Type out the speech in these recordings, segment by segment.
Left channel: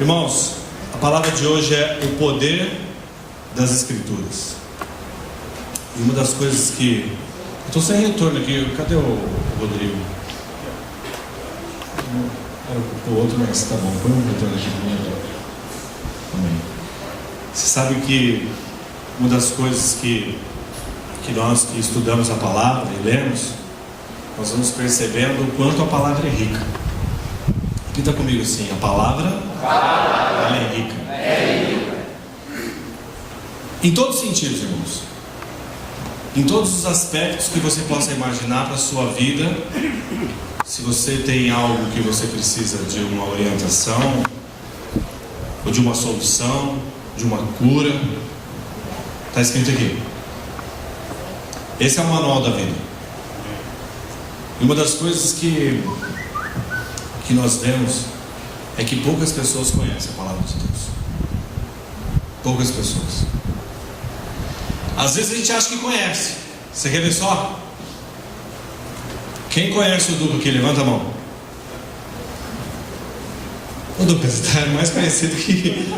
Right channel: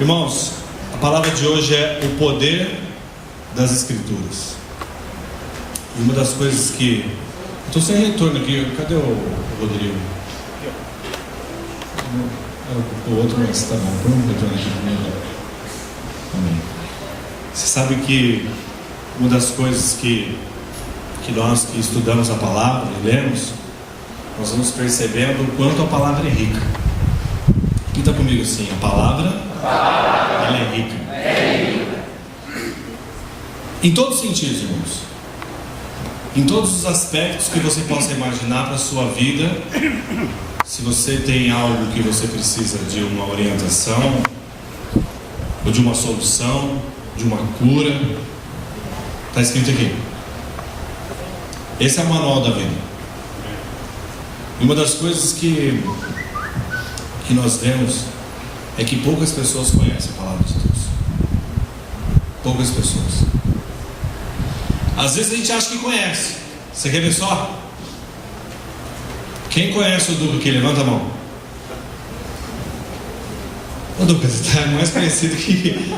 Irmãos, a palavra de hoje é o poder das Escrituras. E uma das coisas que... Estou sem retorno aqui. Cadê o Rodrigo? O outro não está bom. Põe um retorno aqui comigo. Amém. Você sabe que uma das coisas que nós que estudamos a palavra e lemos, nós vamos percebendo o quanto a palavra é rica. Quem está comigo assim? A palavra ela é rica. Em todos os sentidos, irmãos. Em todos os aspectos que você possa imaginar para a sua vida. Se você tem algo que você precisa de uma orientação, ou de uma solução, de uma cura, está escrito aqui. Esse é o manual da vida. Uma das coisas que nós vemos é que poucas pessoas conhecem a palavra de Deus. Poucas pessoas. Às vezes a gente acha que conhece. Você quer ver só? Quem conhece o Duca aqui? Levanta a mão. O Duca está mais conhecido que...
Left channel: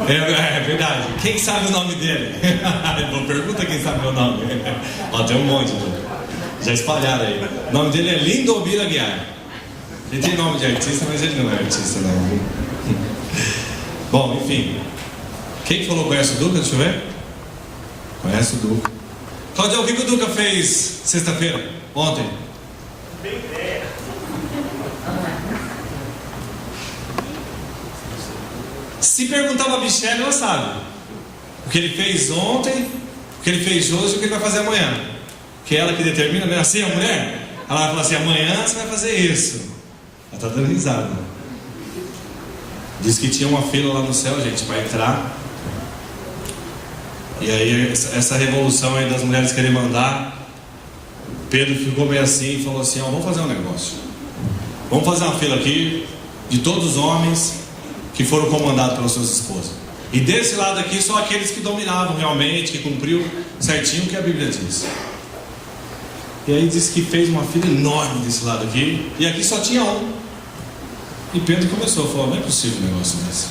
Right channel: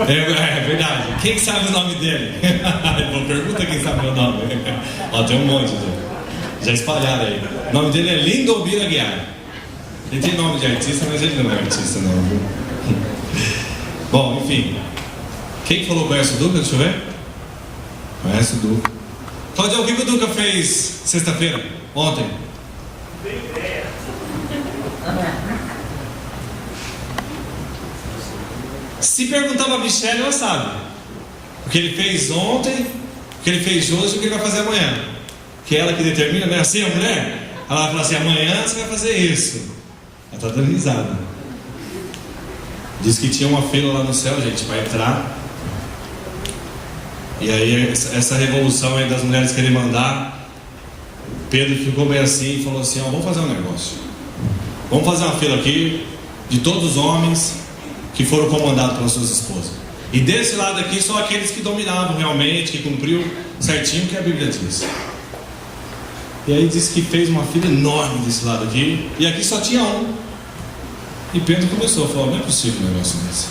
É verdade. Quem sabe o nome dele? Não pergunta quem sabe o meu nome. Ó, tem um monte. Já espalharam aí. O nome dele é Lindomir Aguiar. Ele tem nome de artista, mas ele não é artista não. Bom, enfim. Quem falou conhece o Duca? Deixa eu ver. Conhece o Duca. Claudio, o que o Duca fez sexta-feira? Ontem? Não tenho ideia. Se perguntar pra Michelle, ela sabe. O que ele fez ontem, o que ele fez hoje e o que ele vai fazer amanhã. Que é ela que determina, não é assim a mulher? Ela vai falar assim, amanhã você vai fazer isso. Ela está dando risada. Diz que tinha uma fila lá no céu, gente, para entrar. E aí essa revolução aí das mulheres querem mandar. Pedro ficou meio assim e falou assim, ó, vamos fazer um negócio. Vamos fazer uma fila aqui de todos os homens que foram comandados pelas suas esposas. E desse lado aqui só aqueles que dominavam realmente, que cumpriu certinho o que a Bíblia diz. E aí disse que fez uma fila enorme desse lado aqui. E aqui só tinha um. E Pedro começou a falar, não é possível um negócio desse.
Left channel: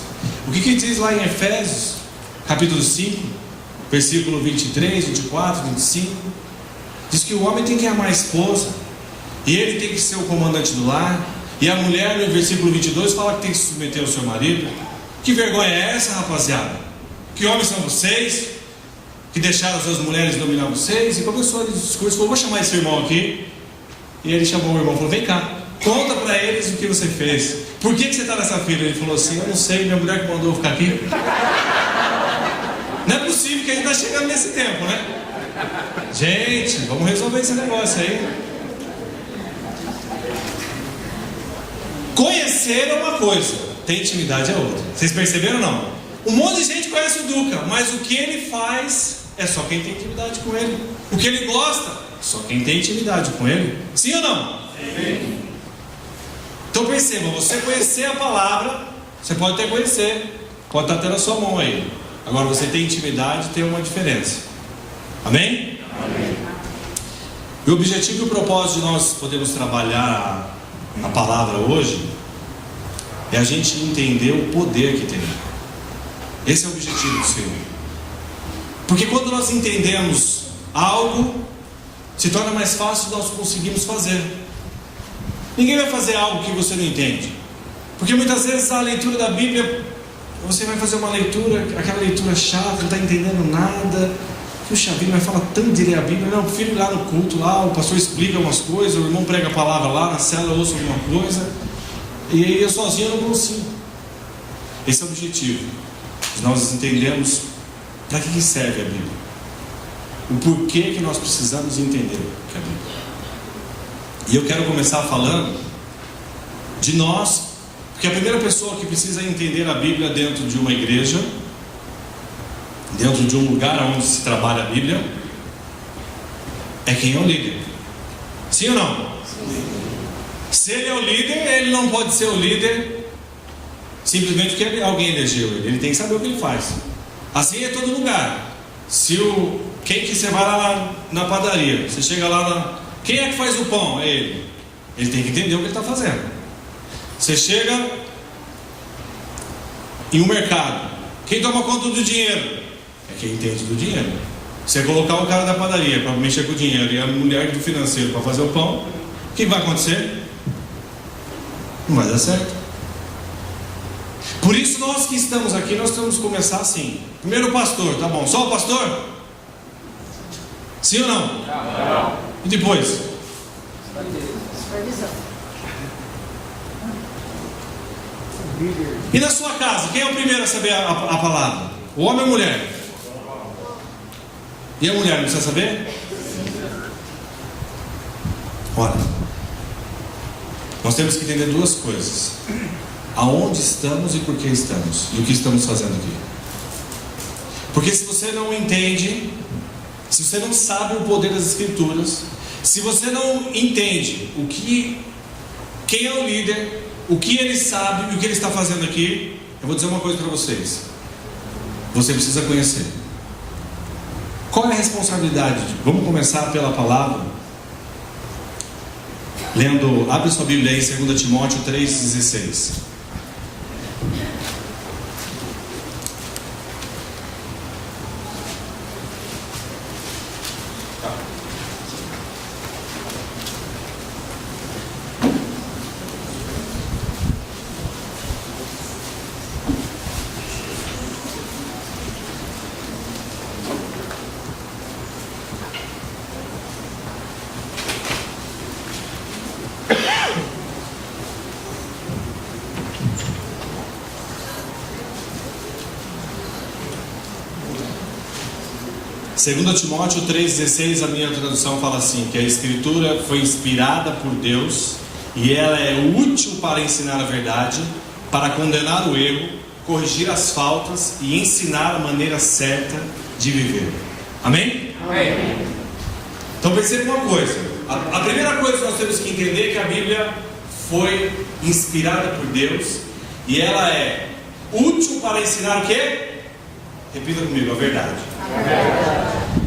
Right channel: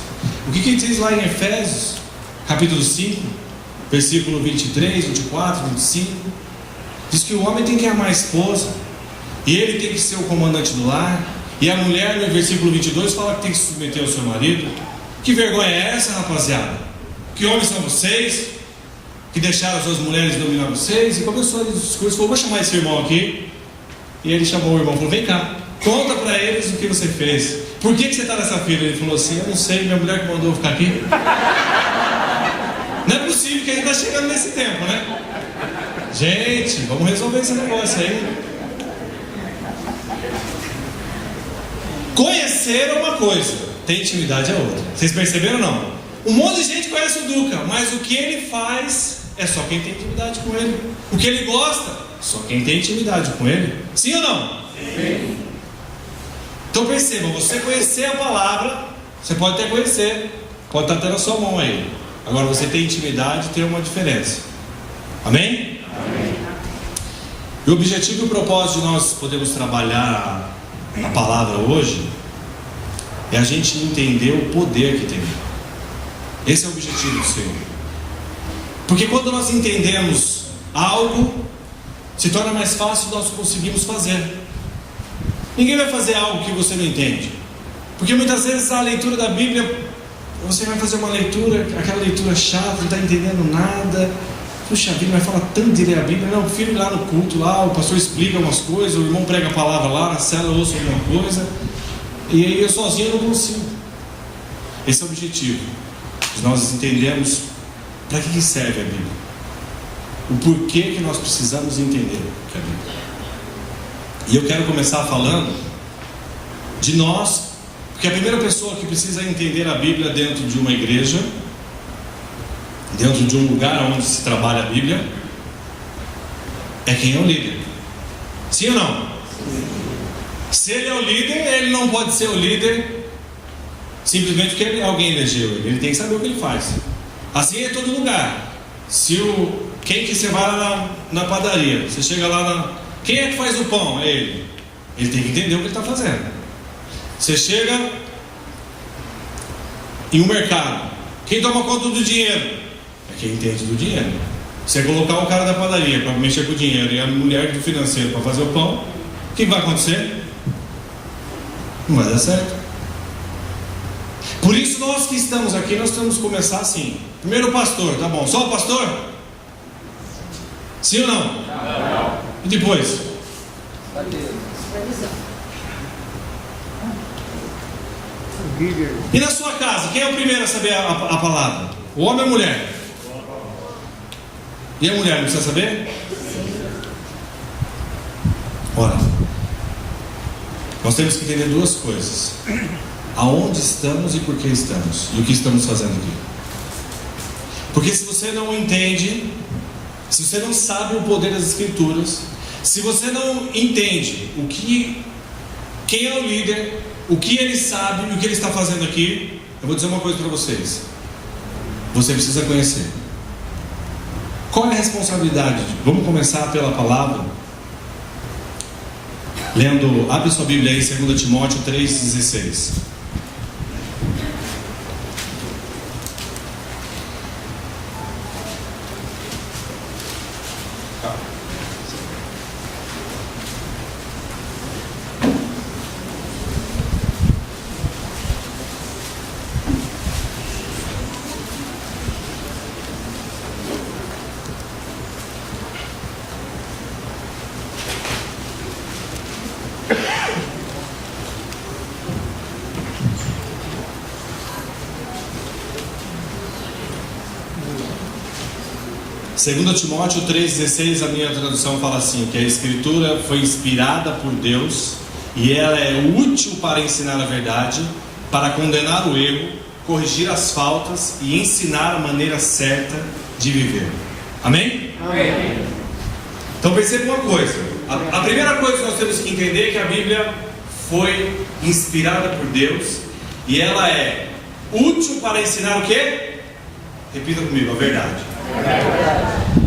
O que diz lá em Efésios, capítulo 5, versículo 23, 24, 25. Diz que o homem tem que amar a esposa. E ele tem que ser o comandante do lar. E a mulher, no versículo 22, fala que tem que se submeter ao seu marido. Que vergonha é essa, rapaziada? Que homens são vocês? Que deixaram as suas mulheres dominar vocês? E começou a discurso, falou, vou chamar esse irmão aqui. E ele chamou o irmão, falou, vem cá, conta para eles o que você fez. Por que você está nessa fila? Ele falou assim, eu não sei, minha mulher que mandou eu ficar aqui. Não é possível que a gente está chegando nesse tempo, né? Gente, vamos resolver esse negócio aí. Conhecer é uma coisa, ter intimidade é outra. Vocês perceberam ou não? Um monte de gente conhece o Duca, mas o que ele faz é só quem tem intimidade com ele. O que ele gosta, só quem tem intimidade com ele. Sim ou não? Sim. Então percebam, você conhecer a palavra, você pode até conhecer, pode estar até na sua mão aí. Agora você tem intimidade, tem uma diferença. Amém? Amém. E o objetivo e o propósito de nós podermos trabalhar a palavra hoje é a gente entender o poder que tem. Esse é o objetivo do Senhor. Porque quando nós entendemos algo, se torna mais fácil nós conseguirmos fazer. Ninguém vai fazer algo que você não entende. Porque muitas vezes a leitura da Bíblia, você vai fazer uma leitura, aquela leitura chata, não está entendendo nada. Puxa, a Bíblia fala tanto de ler a Bíblia. Não, filho, lá no culto, lá o pastor explica umas coisas, o irmão prega a palavra lá, na célula eu ouço alguma coisa. E aí eu sozinho não consigo. Esse é o objetivo. Nós entendemos para que serve a Bíblia. O porquê que nós precisamos entender a Bíblia. E eu quero começar falando de nós, porque a primeira pessoa que precisa entender a Bíblia dentro de uma igreja, dentro de um lugar onde se trabalha a Bíblia, é quem é o líder. Sim ou não? Sim. Se ele é o líder, ele não pode ser o líder simplesmente porque alguém elegeu ele. Ele tem que saber o que ele faz. Assim é em todo lugar. Quem que você vai lá na padaria, você chega lá quem é que faz o pão? É ele. Ele tem que entender o que ele está fazendo. Você chega em um mercado, quem toma conta do dinheiro? É quem entende do dinheiro. Você colocar o cara da padaria para mexer com o dinheiro e a mulher do financeiro para fazer o pão, o que vai acontecer? Não vai dar certo. Por isso nós que estamos aqui, nós temos que começar assim. Primeiro o pastor, tá bom? Só o pastor? Sim ou não? Não. E depois? E na sua casa, quem é o primeiro a saber a palavra? O homem ou a mulher? E a mulher, não precisa saber? Olha, nós temos que entender duas coisas: aonde estamos e por que estamos, e o que estamos fazendo aqui. Porque se você não entende, se você não sabe o poder das Escrituras, se você não entende quem é o líder, o que ele sabe e o que ele está fazendo aqui, eu vou dizer uma coisa para vocês: você precisa conhecer. Qual é a responsabilidade? Vamos começar pela palavra. Lendo, abre sua Bíblia aí em 2 Timóteo 3,16. Segundo Timóteo 3,16, a minha tradução fala assim, que a Escritura foi inspirada por Deus e ela é útil para ensinar a verdade, para condenar o erro, corrigir as faltas e ensinar a maneira certa de viver. Amém? Amém. Então perceba uma coisa, a primeira coisa que nós temos que entender é que a Bíblia foi inspirada por Deus e ela é útil para ensinar o quê? Repita comigo, a verdade.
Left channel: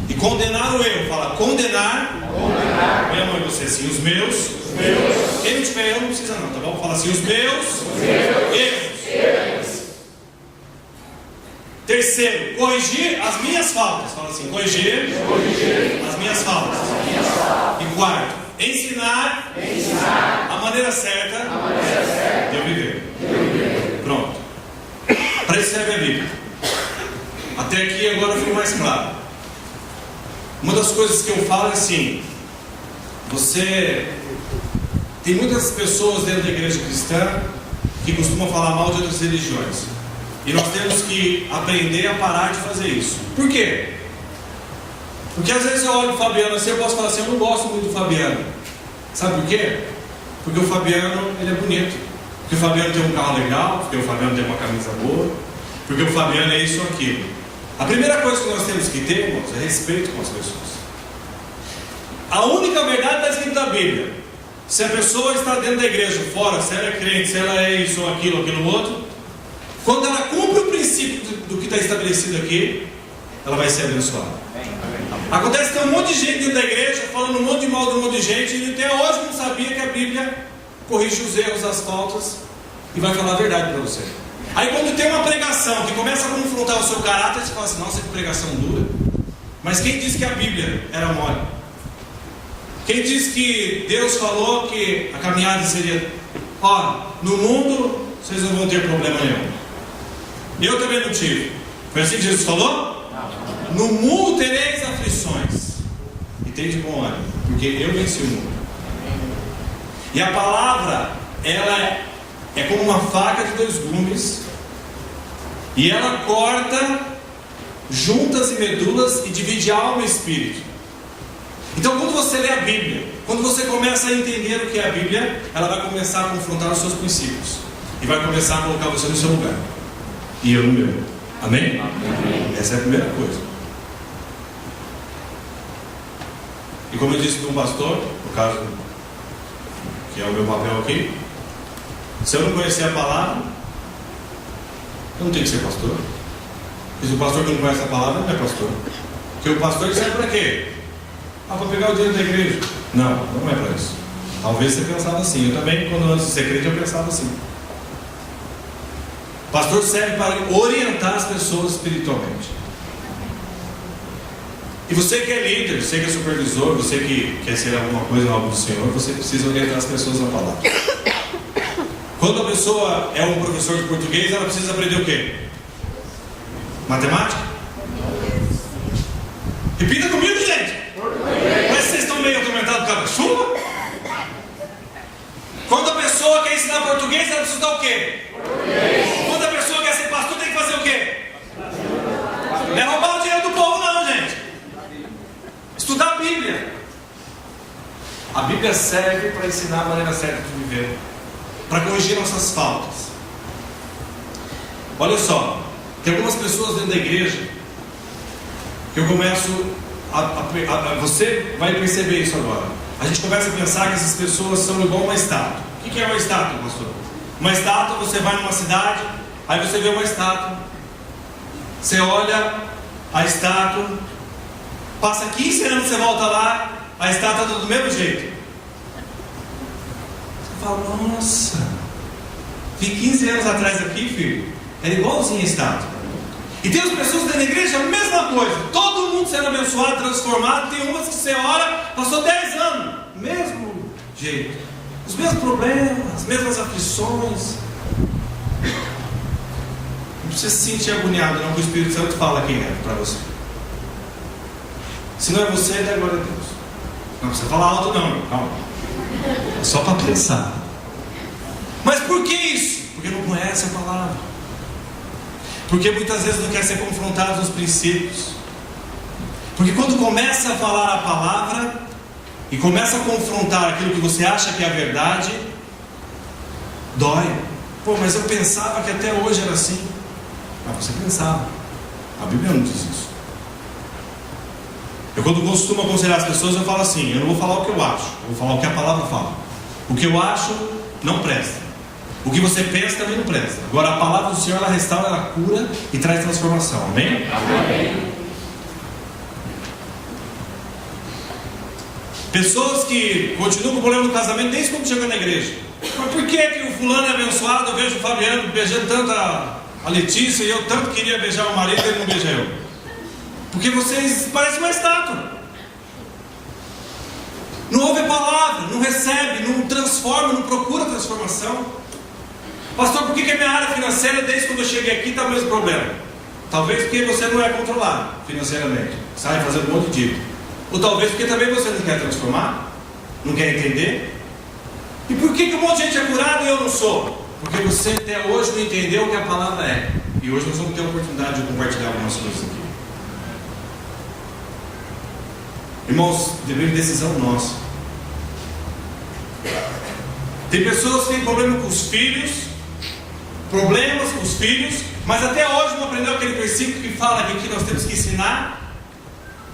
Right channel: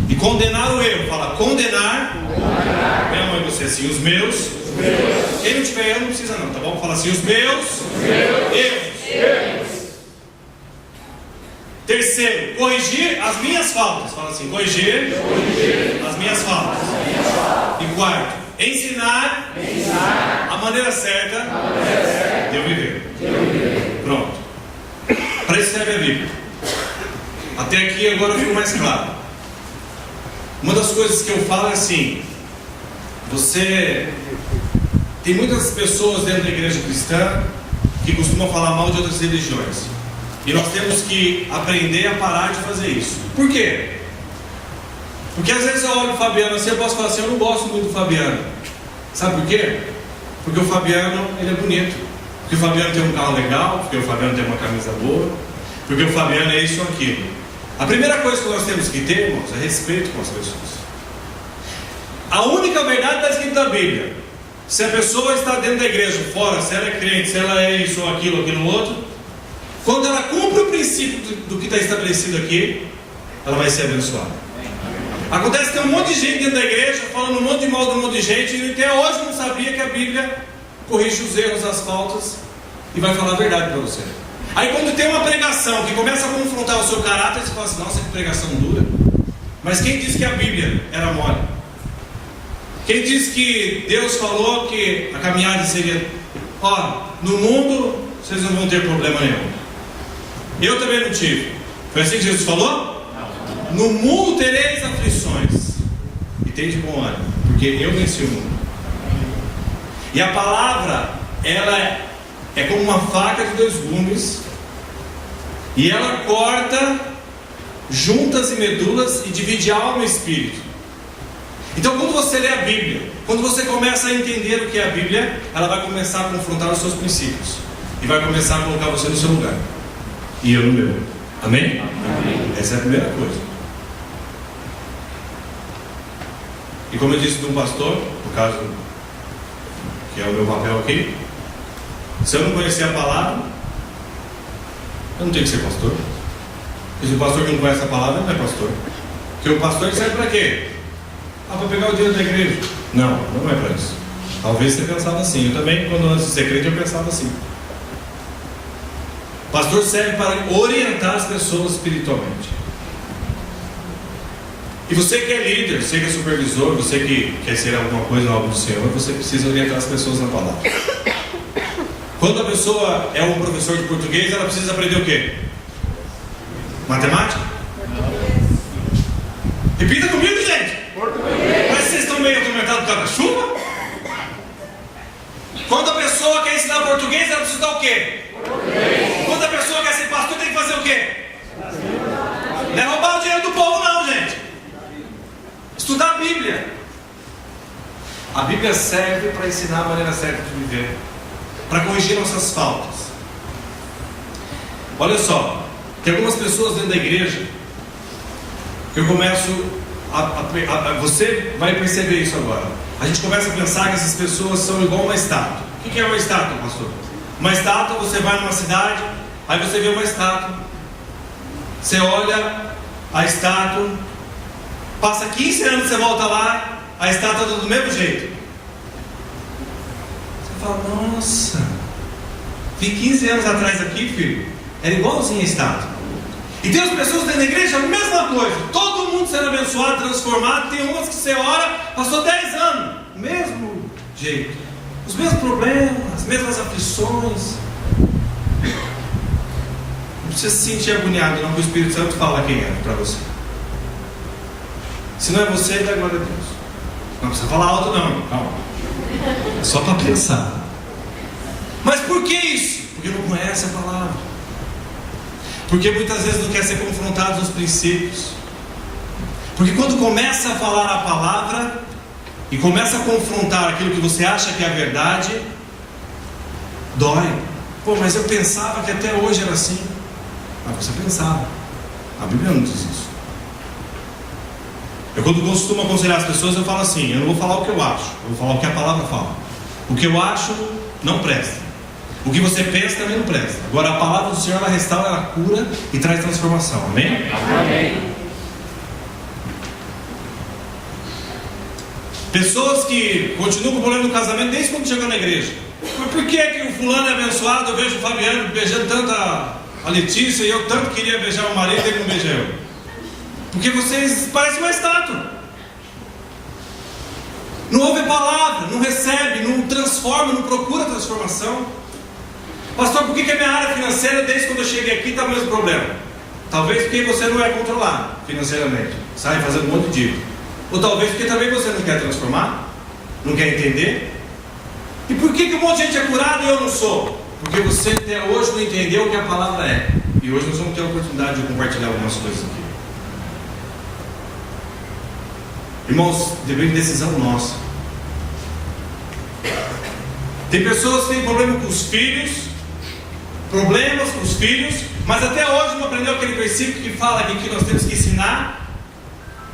E condenar o erro, fala condenar. Minha mãe, você assim, os meus. Quem não tiver erro não precisa não, tá bom? Fala assim, os meus erros. Terceiro, corrigir as minhas faltas. Fala assim, corrigir as minhas faltas. E quarto, ensinar a maneira certa de eu viver. Pronto. Para isso serve a Bíblia. Até aqui agora ficou mais claro. Uma das coisas que eu falo é assim: tem muitas pessoas dentro da igreja cristã que costumam falar mal de outras religiões. E nós temos que aprender a parar de fazer isso. Por quê? Porque às vezes eu olho o Fabiano assim, eu posso falar assim, eu não gosto muito do Fabiano. Sabe por quê? Porque o Fabiano, ele é bonito. Porque o Fabiano tem um carro legal, porque o Fabiano tem uma camisa boa, porque o Fabiano é isso ou aquilo. A primeira coisa que nós temos que ter, irmãos, é respeito com as pessoas. A única verdade está escrita na Bíblia. Se a pessoa está dentro da igreja, fora, se ela é crente, se ela é isso ou aquilo outro, quando ela cumpre o princípio do que está estabelecido aqui, ela vai ser abençoada. Acontece que tem um monte de gente dentro da igreja falando um monte de mal de um monte de gente e até hoje não sabia que a Bíblia corrige os erros, as faltas e vai falar a verdade para você. Aí quando tem uma pregação que começa a confrontar o seu caráter, você fala assim, nossa, que pregação dura. Mas quem disse que a Bíblia era mole? Quem disse que Deus falou que a caminhada seria, no mundo vocês não vão ter problema nenhum. Eu também não tive. Foi assim que Jesus falou? No mundo tereis aflições. E tem de bom ânimo, porque eu venci o mundo. E a palavra, ela é como uma faca de dois gumes, e ela corta juntas e medulas e divide alma e espírito. Então quando você lê a Bíblia, quando você começa a entender o que é a Bíblia, ela vai começar a confrontar os seus princípios e vai começar a colocar você no seu lugar e eu no meu. Amém? Amém. Essa é a primeira coisa. E como eu disse de um pastor, no caso que é o meu papel aqui, se eu não conhecer a palavra, eu não tenho que ser pastor. E se o pastor não conhece a palavra, não é pastor. Porque o pastor serve para quê? Para pegar o dinheiro da igreja. Não, não é para isso. Talvez você pensava assim. Eu também, quando antes de ser crente, eu pensava assim. Pastor serve para orientar as pessoas espiritualmente. E você que é líder, você que é supervisor, você que quer ser alguma coisa na obra do Senhor, você precisa orientar as pessoas na palavra. Quando a pessoa é um professor de português, ela precisa aprender o quê? Matemática? Repita comigo, gente. Português. Mas vocês estão meio atormentados por causa da chuva? Quando a pessoa quer ensinar português, ela precisa estudar o quê? Português. Quando a pessoa quer ser pastor, tem que fazer o quê? Não é roubar o dinheiro do povo, não, gente. Estudar a Bíblia. A Bíblia serve para ensinar a maneira certa de viver, para corrigir nossas faltas. Olha só, tem algumas pessoas dentro da igreja que eu começo você vai perceber isso agora. A gente começa a pensar que essas pessoas são igual uma estátua. O que é uma estátua, pastor? Uma estátua, você vai numa cidade, aí você vê uma estátua, você olha a estátua, passa 15 anos, você volta lá, a estátua está do mesmo jeito. Você fala, nossa, vi 15 anos atrás aqui, filho, era igualzinho a estátua. E tem as pessoas dentro da igreja, a mesma coisa, todo mundo sendo abençoado, transformado. Tem umas que você ora, passou 10 anos, mesmo jeito, os mesmos problemas, as mesmas aflições. Não precisa se sentir agoniado, não, que o Espírito Santo fala quem é para você. Se não é você, dá glória a Deus. Não precisa falar alto, não, calma. É só para pensar. Mas por que isso? Porque não conhece a palavra. Porque muitas vezes não quer ser confrontado nos princípios. Porque quando começa a falar a palavra e começa a confrontar aquilo que você acha que é a verdade, dói. Pô, mas eu pensava que até hoje era assim. Ah, você pensava. A Bíblia não diz isso. Eu, quando costumo aconselhar as pessoas, eu falo assim: eu não vou falar o que eu acho, eu vou falar o que a palavra fala. O que eu acho não presta. O que você pensa também não presta. Agora a palavra do Senhor, ela restaura, ela cura e traz transformação. Amém? Amém. Pessoas que continuam com o problema do casamento desde quando chegam na igreja. Mas por que que o fulano é abençoado? Eu vejo o Fabiano beijando tanto a Letícia, e eu tanto queria beijar o marido e ele não beija eu. Porque vocês parecem uma estátua. Não ouve a palavra, não recebe, não transforma, não procura transformação. Pastor, por que a minha área financeira, desde quando eu cheguei aqui, está o mesmo problema? Talvez porque você não é controlado financeiramente, sai fazendo um monte de dívida. Ou talvez porque também você não quer transformar, não quer entender. E por que um monte de gente é curado e eu não sou? Porque você até hoje não entendeu o que a palavra é. E hoje nós vamos ter a oportunidade de compartilhar algumas coisas aqui. Irmãos, depende de decisão nossa. Tem pessoas que têm problema com os filhos, problemas com os filhos, mas até hoje não aprendeu aquele versículo que fala que nós temos que ensinar.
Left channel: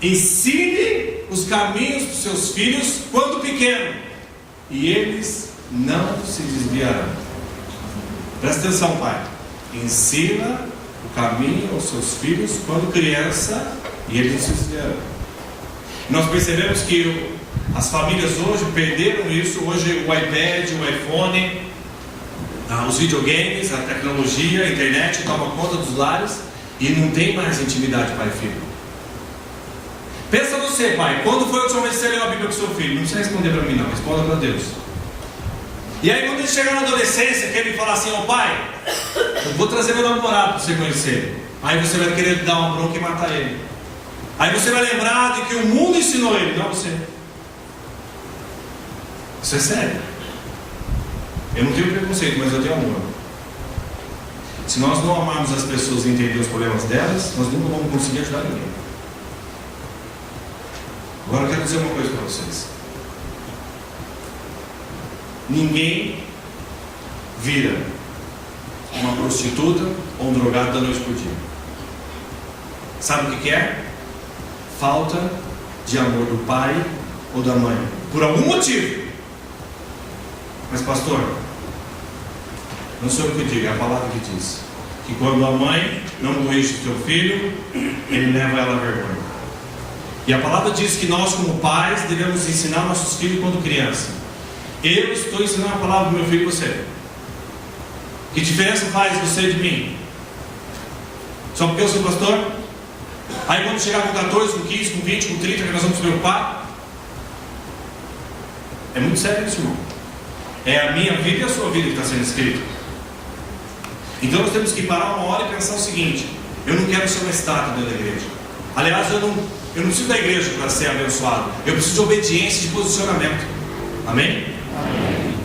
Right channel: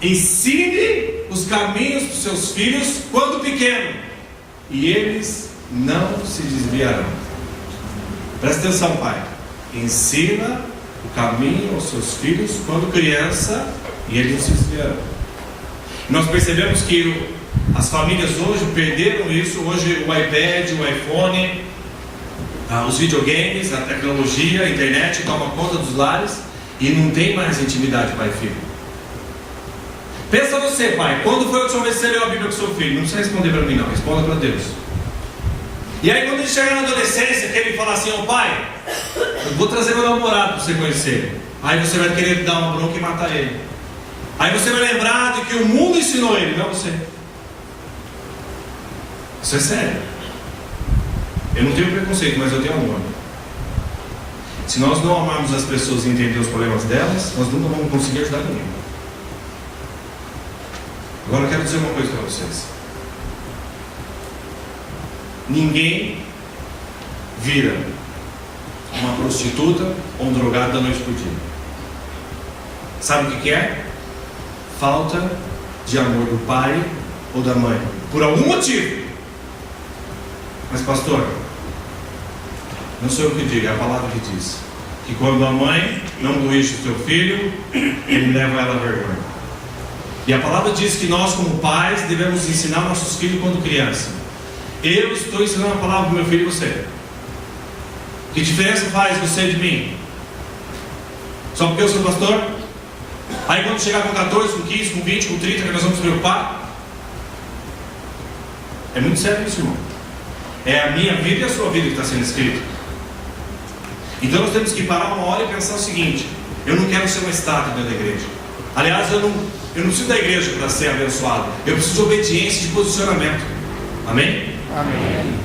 Ensine os caminhos dos seus filhos quando pequeno, e eles não se desviarão. Presta atenção, pai. Ensina o caminho aos seus filhos quando criança, e eles não se desviarão. Nós percebemos que as famílias hoje perderam isso. Hoje o iPad, o iPhone, os videogames, a tecnologia, a internet toma conta dos lares e não tem mais intimidade pai e filho. Pensa você, pai, quando foi a última vez que você leu a Bíblia com seu filho? Não precisa responder para mim não, responda para Deus. E aí quando ele chegar na adolescência, que ele falar assim: ó pai, eu vou trazer meu namorado para você conhecer. Aí você vai querer dar uma bronca e matar ele. Aí você vai lembrar de que o mundo ensinou ele, não você. Isso é sério. Eu não tenho preconceito, mas eu tenho amor. Se nós não amarmos as pessoas e entender os problemas delas, nós nunca vamos conseguir ajudar ninguém. Agora eu quero dizer uma coisa para vocês. Ninguém vira uma prostituta ou um drogado da noite por dia. Sabe o que é? Falta de amor do pai ou da mãe, por algum motivo. Mas pastor, não sou eu que digo, é a palavra que diz que quando a mãe não corrige o seu filho, ele leva ela à vergonha. E a palavra diz que nós como pais devemos ensinar nossos filhos quando criança. Eu estou ensinando a palavra do meu filho e você. Que diferença faz você de mim? Só porque eu sou pastor? Aí quando chegar com 14, com 15, com 20, com 30, que nós vamos se preocupar? É muito sério isso, irmão. É a minha vida e a sua vida que está sendo escrita. Então nós temos que parar uma hora e pensar o seguinte: eu não quero ser uma estátua dentro da igreja. Aliás, eu não preciso da igreja para ser abençoado. Eu preciso de obediência e de posicionamento. Amém? Amém.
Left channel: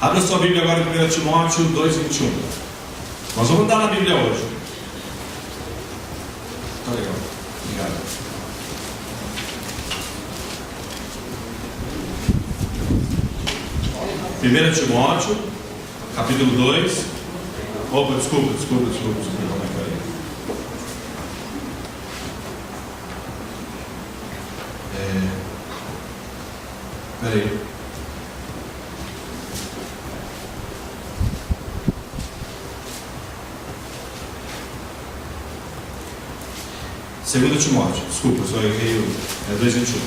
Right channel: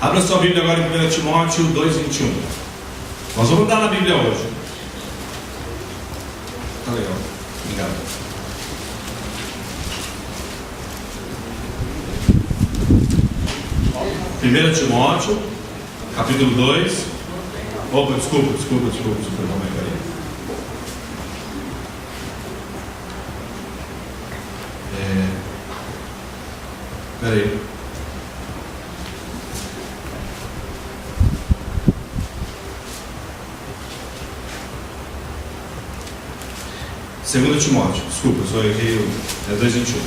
Abra sua Bíblia agora em 1 Timóteo 2:21. Nós vamos dar na Bíblia hoje. Tá legal. Obrigado. Primeiro Timóteo, capítulo 2. Opa, desculpa, irmão Maria. Peraí. Segundo Timóteo, desculpa, só errei. É 2:21.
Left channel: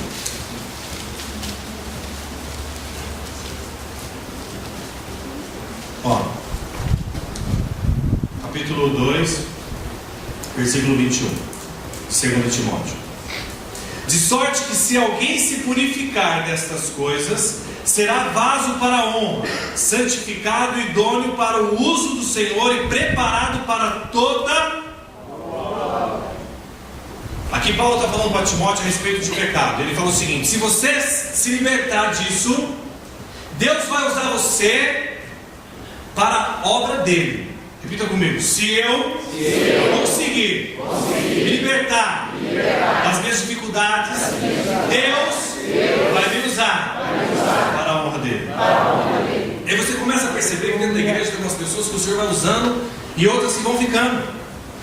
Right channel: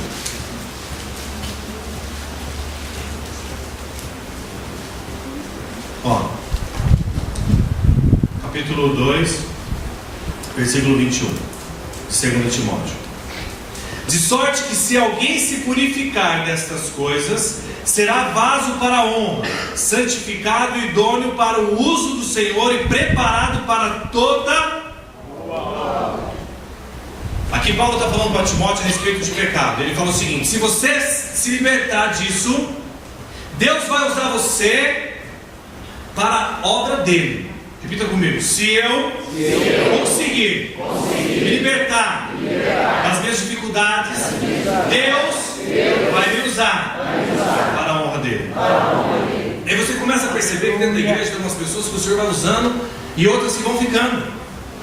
Ó, capítulo 2, versículo 21, segundo Timóteo. De sorte que se alguém se purificar destas coisas, será vaso para a honra, santificado e idôneo para o uso do Senhor e preparado para toda... Aqui Paulo está falando para Timóteo a respeito de pecado. Ele fala o seguinte: se você se libertar disso, Deus vai usar você para a obra dele. Repita comigo: se eu conseguir me libertar das minhas dificuldades, Deus vai me usar para a honra dele. E aí você começa a perceber que dentro da igreja tem umas pessoas que o Senhor vai usando e outras que vão ficando.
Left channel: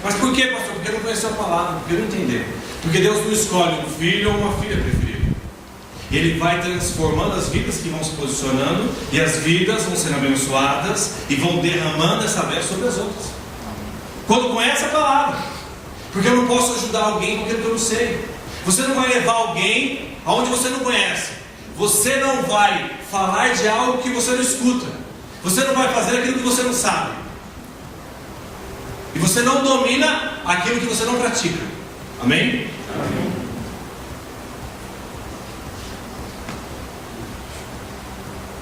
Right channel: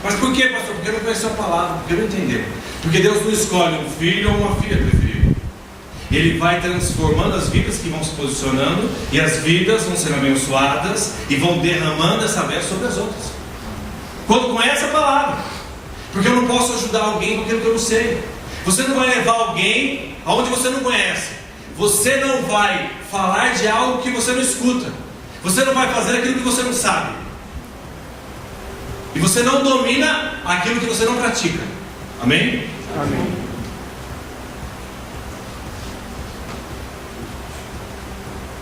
Mas por quê, pastor? Porque não conheceu a palavra, porque não entendeu. Porque Deus não escolhe um filho ou uma filha preferida. Ele vai transformando as vidas que vão se posicionando, e as vidas vão sendo abençoadas e vão derramando essa bênção sobre as outras. Quando conhece a palavra. Porque eu não posso ajudar alguém com aquilo que eu não sei. Você não vai levar alguém aonde você não conhece. Você não vai falar de algo que você não escuta. Você não vai fazer aquilo que você não sabe. E você não domina aquilo que você não pratica. Amém? Amém.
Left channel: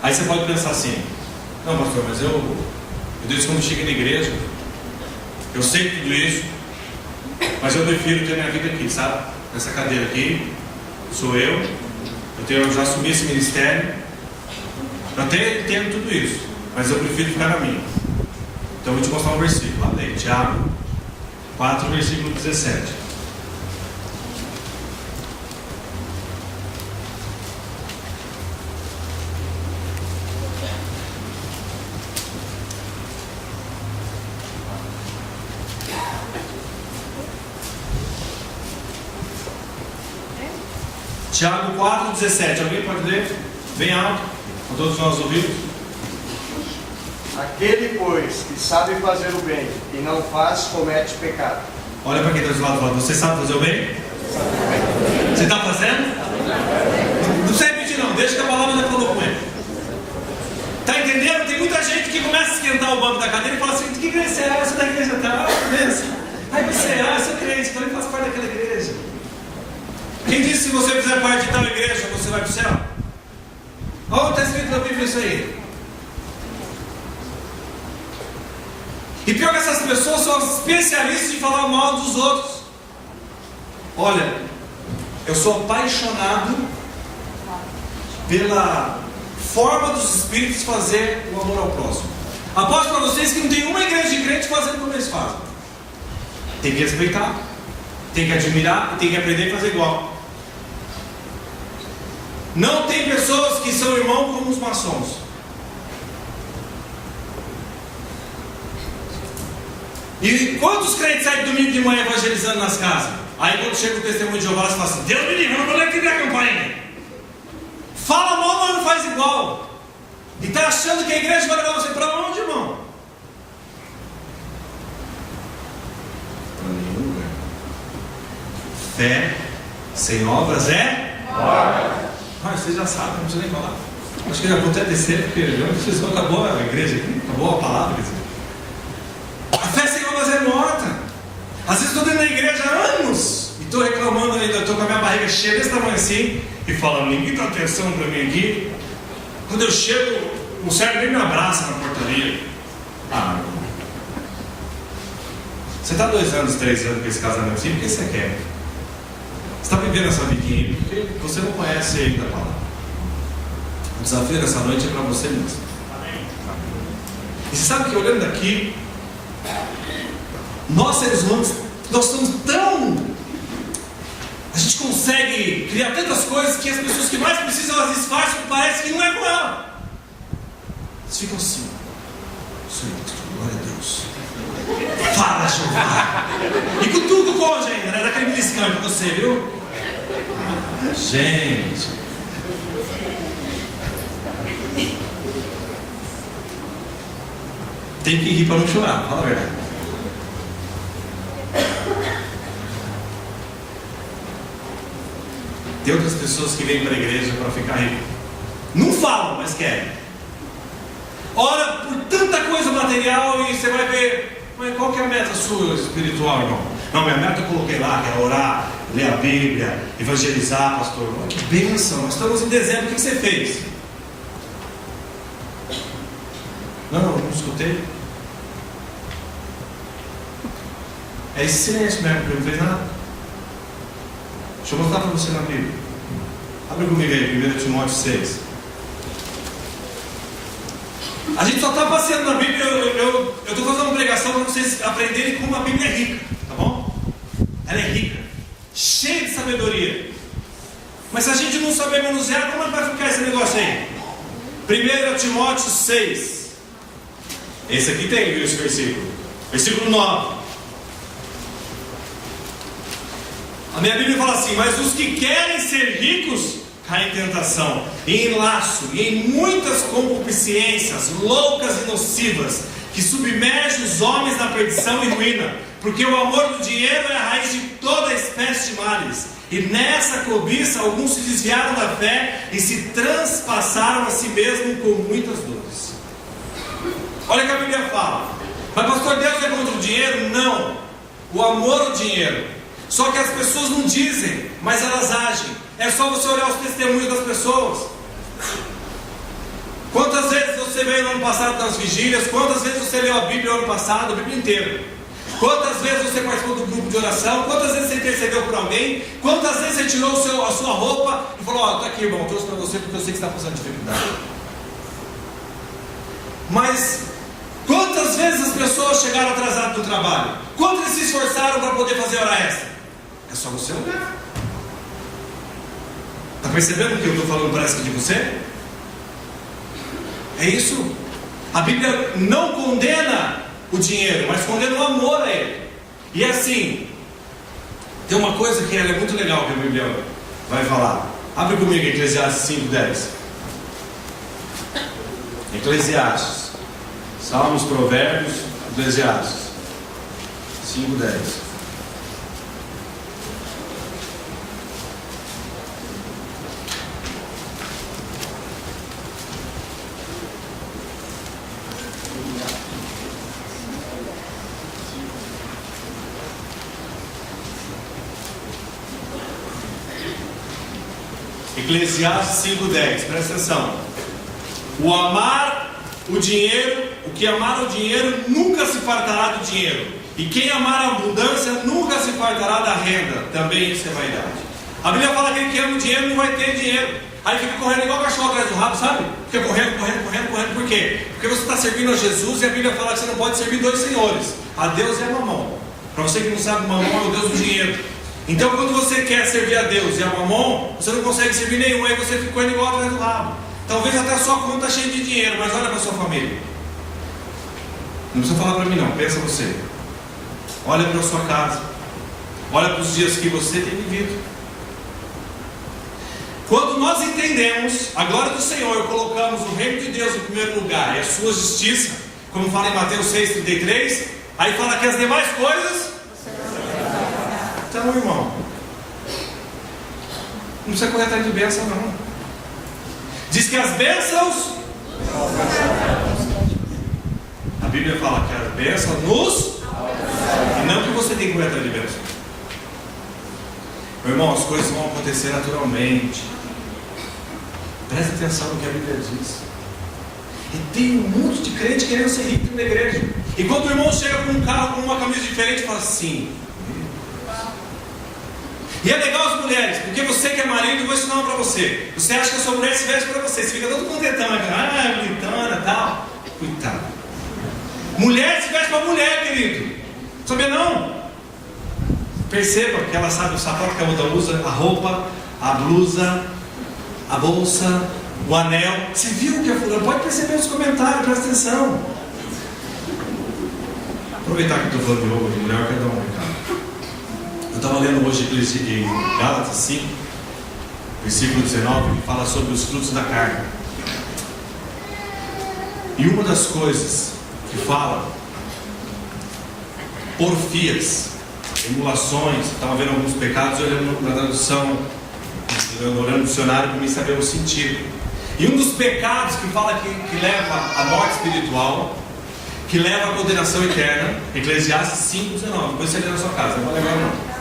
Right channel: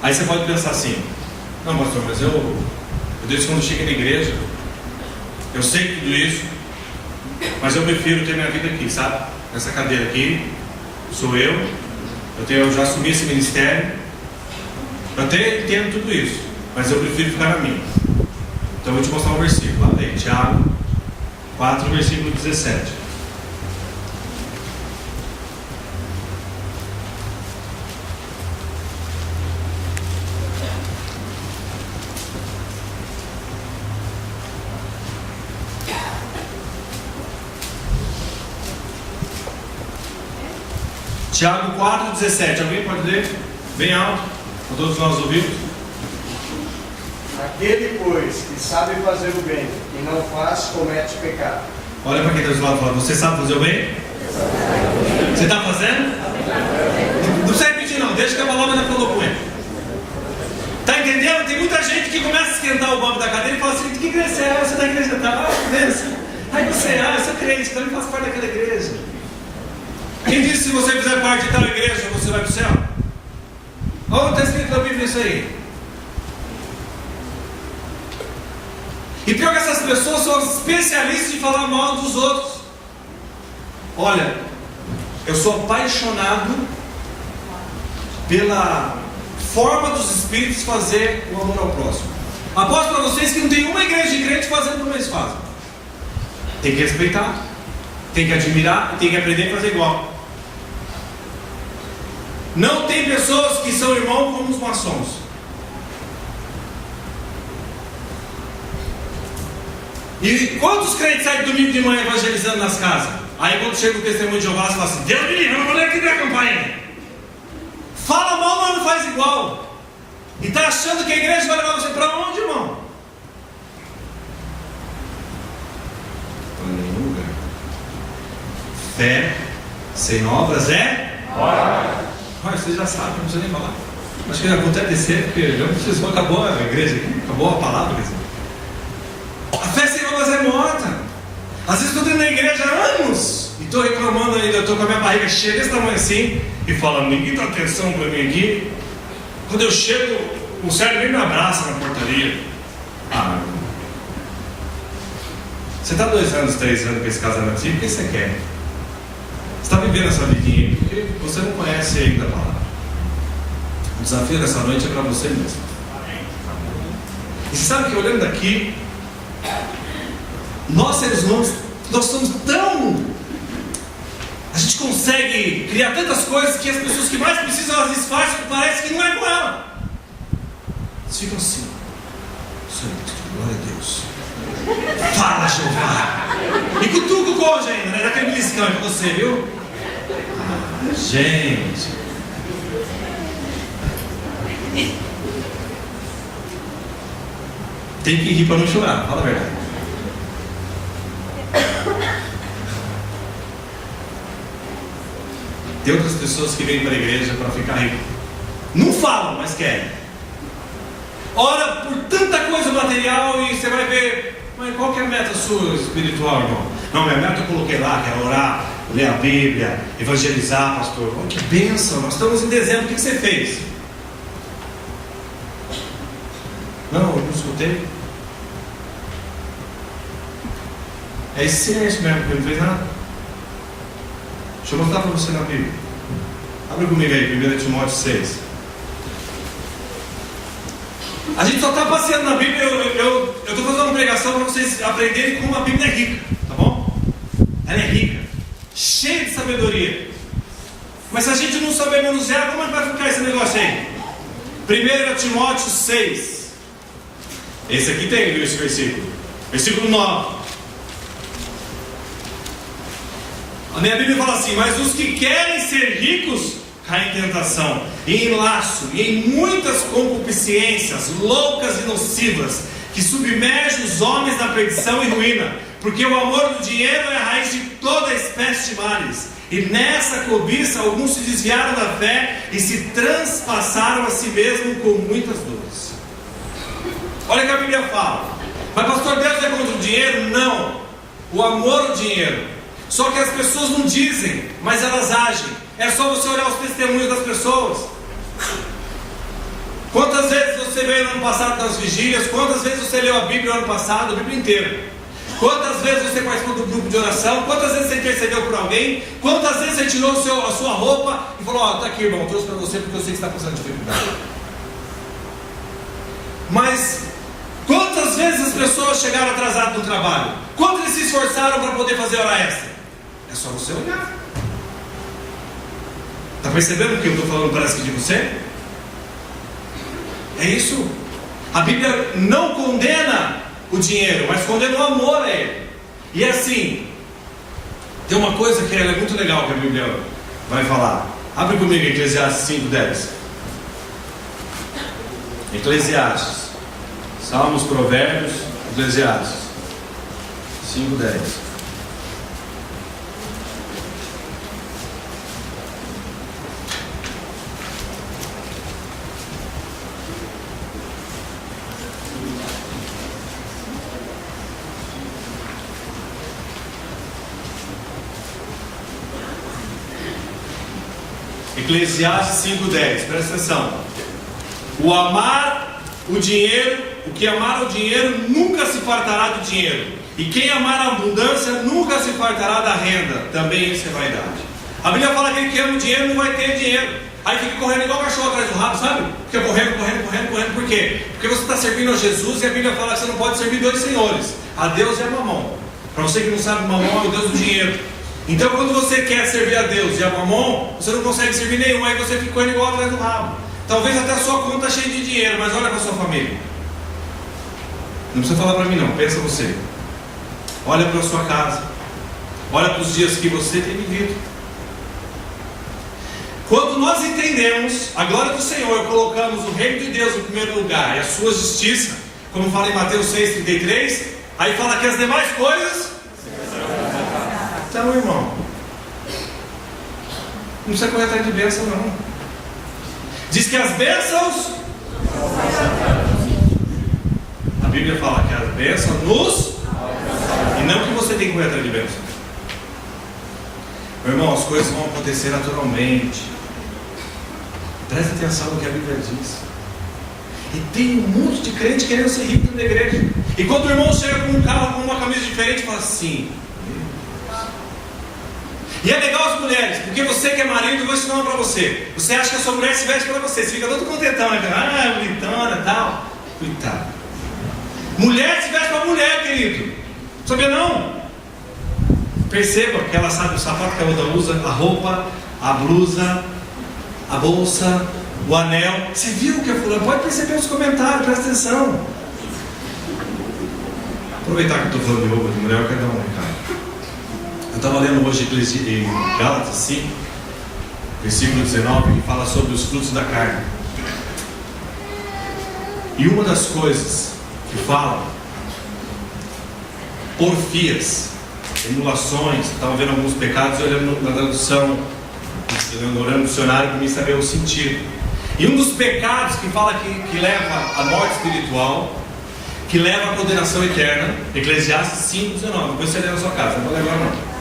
Aí você pode pensar assim: não, pastor, mas eu desde quando cheguei na igreja, eu sei tudo isso, mas eu prefiro ter minha vida aqui, sabe? Nessa cadeira aqui, sou eu já assumi esse ministério, eu até entendo tudo isso, mas eu prefiro ficar na minha. Então eu vou te mostrar um versículo, lá daí, Tiago 4, versículo 17. Tiago 4,17. Alguém pode ler? Bem alto, para todos nós ouvirmos. Aquele, pois, que sabe fazer o bem e não faz, comete pecado. Olha para quem está do lado fora. Você sabe fazer o bem? Você está fazendo? Não precisa repetir não, deixa que a palavra ainda falou com ele. Está entendendo? Tem muita gente que começa a esquentar o banco da cadeira e fala assim: que igreja é essa? Você da igreja tal? Aí você, eu sou crente, então eu faço parte daquela igreja. Quem disse que se você fizer parte de tal igreja, você vai para o céu? Olha, está escrito na Bíblia isso aí. E pior que essas pessoas são especialistas em falar mal dos outros. Olha, eu sou apaixonado pela forma dos espíritos fazer o amor ao próximo. Aposto para vocês que não tem uma igreja de crente fazendo como eles fazem. Tem que respeitar, tem que admirar e tem que aprender a fazer igual. Não tem pessoas que são irmãos como os maçons. E quantos crentes saem domingo de manhã evangelizando nas casas? Aí quando chega o testemunho de Jeová, você fala assim: Deus me livre, eu não vou nem aqui na campanha. Fala mal, mas não faz igual. E está achando que a igreja vai levar você para onde, irmão? Para nenhum lugar. Fé sem obras é? Olha, você já sabe, não precisa nem falar. Acho que já vou até descer, porque acabou a igreja aqui, acabou a palavra. Quer dizer. A fé sem obras é morta. Às vezes estou dentro da igreja há anos e estou reclamando ainda, estou com a minha barriga cheia desse tamanho assim e falando, ninguém dá atenção para mim aqui. Quando eu chego, o servo nem me abraça na portaria. Ah, meu irmão. Você está 2 anos, 3 anos com esse casamento assim, o que você quer? Você está vivendo essa vidinha porque você não conhece ainda a palavra. O desafio dessa noite é para você mesmo. E você sabe que olhando daqui, nós seres humanos, nós somos tão... A gente consegue criar tantas coisas que as pessoas que mais precisam, elas disfarçam e parece que não é com ela. Eles ficam assim, Senhor, glória a Deus. Fala, Jeová. E cutuca o cônjuge ainda, né? Daquele beliscão pra você, viu? Ah, gente. Tem que rir para não chorar, fala a verdade. Tem outras pessoas que vêm para a igreja para ficar rico. Não falam, mas querem. Ora por tanta coisa material e você vai ver, mas qual que é a meta sua espiritual, irmão? Não, minha meta eu coloquei lá, que é orar, ler a Bíblia, evangelizar, pastor. Oh, que bênção, nós estamos em dezembro, o que você fez? Não, eu não escutei. É esse silêncio mesmo, porque não fez nada. Deixa eu mostrar para você na Bíblia. Abre comigo aí, 1 Timóteo 6. A gente só está passeando na Bíblia. Eu estou fazendo uma pregação para vocês aprenderem como a Bíblia é rica, tá bom? Ela é rica, cheia de sabedoria. Mas se a gente não saber manusear, como é que vai ficar esse negócio aí? 1 Timóteo 6. Esse aqui tem esse versículo. Versículo 9. A minha Bíblia fala assim: mas os que querem ser ricos caem em tentação, e em laço, e em muitas concupiscências loucas e nocivas, que submergem os homens na perdição e ruína, porque o amor do dinheiro é a raiz de toda espécie de males. E nessa cobiça alguns se desviaram da fé e se transpassaram a si mesmos com muitas dores. Olha o que a Bíblia fala. Mas pastor, Deus é contra o dinheiro? Não. O amor ao dinheiro. Só que as pessoas não dizem, mas elas agem. É só você olhar os testemunhos das pessoas. Quantas vezes você veio no ano passado das vigílias? Quantas vezes você leu a Bíblia no ano passado? A Bíblia inteira. Quantas vezes você participou do grupo de oração? Quantas vezes você intercedeu por alguém? Quantas vezes você tirou a sua roupa e falou: ó, tá aqui, irmão, trouxe para você porque eu sei que você está passando dificuldade. Mas quantas vezes as pessoas chegaram atrasadas no trabalho? Quantos eles se esforçaram para poder fazer hora extra? É só você olhar. Está percebendo o que eu estou falando parece que de você? É isso. A Bíblia não condena o dinheiro, mas condena o amor a ele. E assim, tem uma coisa que é muito legal que a Bíblia vai falar. Abre comigo Eclesiastes 5:10. Eclesiastes. Salmos, Provérbios, Eclesiastes 5:10. Eclesiastes 5:10, presta atenção. O que amar o dinheiro nunca se fartará do dinheiro, e quem amar a abundância nunca se fartará da renda. Também isso é vaidade. A Bíblia fala que quem ama o dinheiro não vai ter dinheiro. Aí fica correndo igual cachorro atrás do rabo, sabe? Fica correndo. Por quê? Porque você está servindo a Jesus e a Bíblia fala que você não pode servir 2 senhores, a Deus e a Mamon. Para você que não sabe, Mamon é o Deus do dinheiro. Então quando você quer servir a Deus e a Mamon, você não consegue servir nenhum, aí você fica correndo igual atrás do rabo. Talvez até a sua conta cheia de dinheiro, mas olha para a sua família. Não precisa falar para mim não, pensa você. Olha para a sua casa. Olha para os dias que você tem vivido. Quando nós entendemos a glória do Senhor, colocamos o reino de Deus em primeiro lugar e a sua justiça, como fala em Mateus 6:33, aí fala que as demais coisas. Então, irmão, não precisa correr atrás de bênção não. Diz que as bênçãos, a Bíblia fala que as bênçãos nos, e não que você tem que correr atrás de bênçãos. Meu irmão, as coisas vão acontecer naturalmente. Presta atenção no que a Bíblia diz. E tem um monte de crente querendo ser rico dentro da igreja. E quando o irmão chega com um carro, com uma camisa diferente, fala assim. E é legal as mulheres, porque você que é marido, eu vou ensinar uma pra você. Você acha que a sua mulher se veste pra você, você fica todo contentão, bonitona e tal. Coitado. Mulher se veste pra mulher, querido. Sabia não? Perceba que ela sabe o sapato que a outra usa, a roupa, a blusa, a bolsa, o anel. Você viu o que a fulana? Pode perceber nos comentários, presta atenção. Aproveitar que eu estou falando de roupa de mulher, eu quero dar um recado. Eu estava lendo hoje em Gálatas 5, versículo 19, que fala sobre os frutos da carne. E uma das coisas que fala, porfias, emulações, estava vendo alguns pecados, olhando na tradução, olhando no dicionário para mim saber o sentido. E um dos pecados que fala que leva à morte espiritual, que leva à condenação eterna, Eclesiastes 5:19. Depois você lê na sua casa, não vou ler agora não.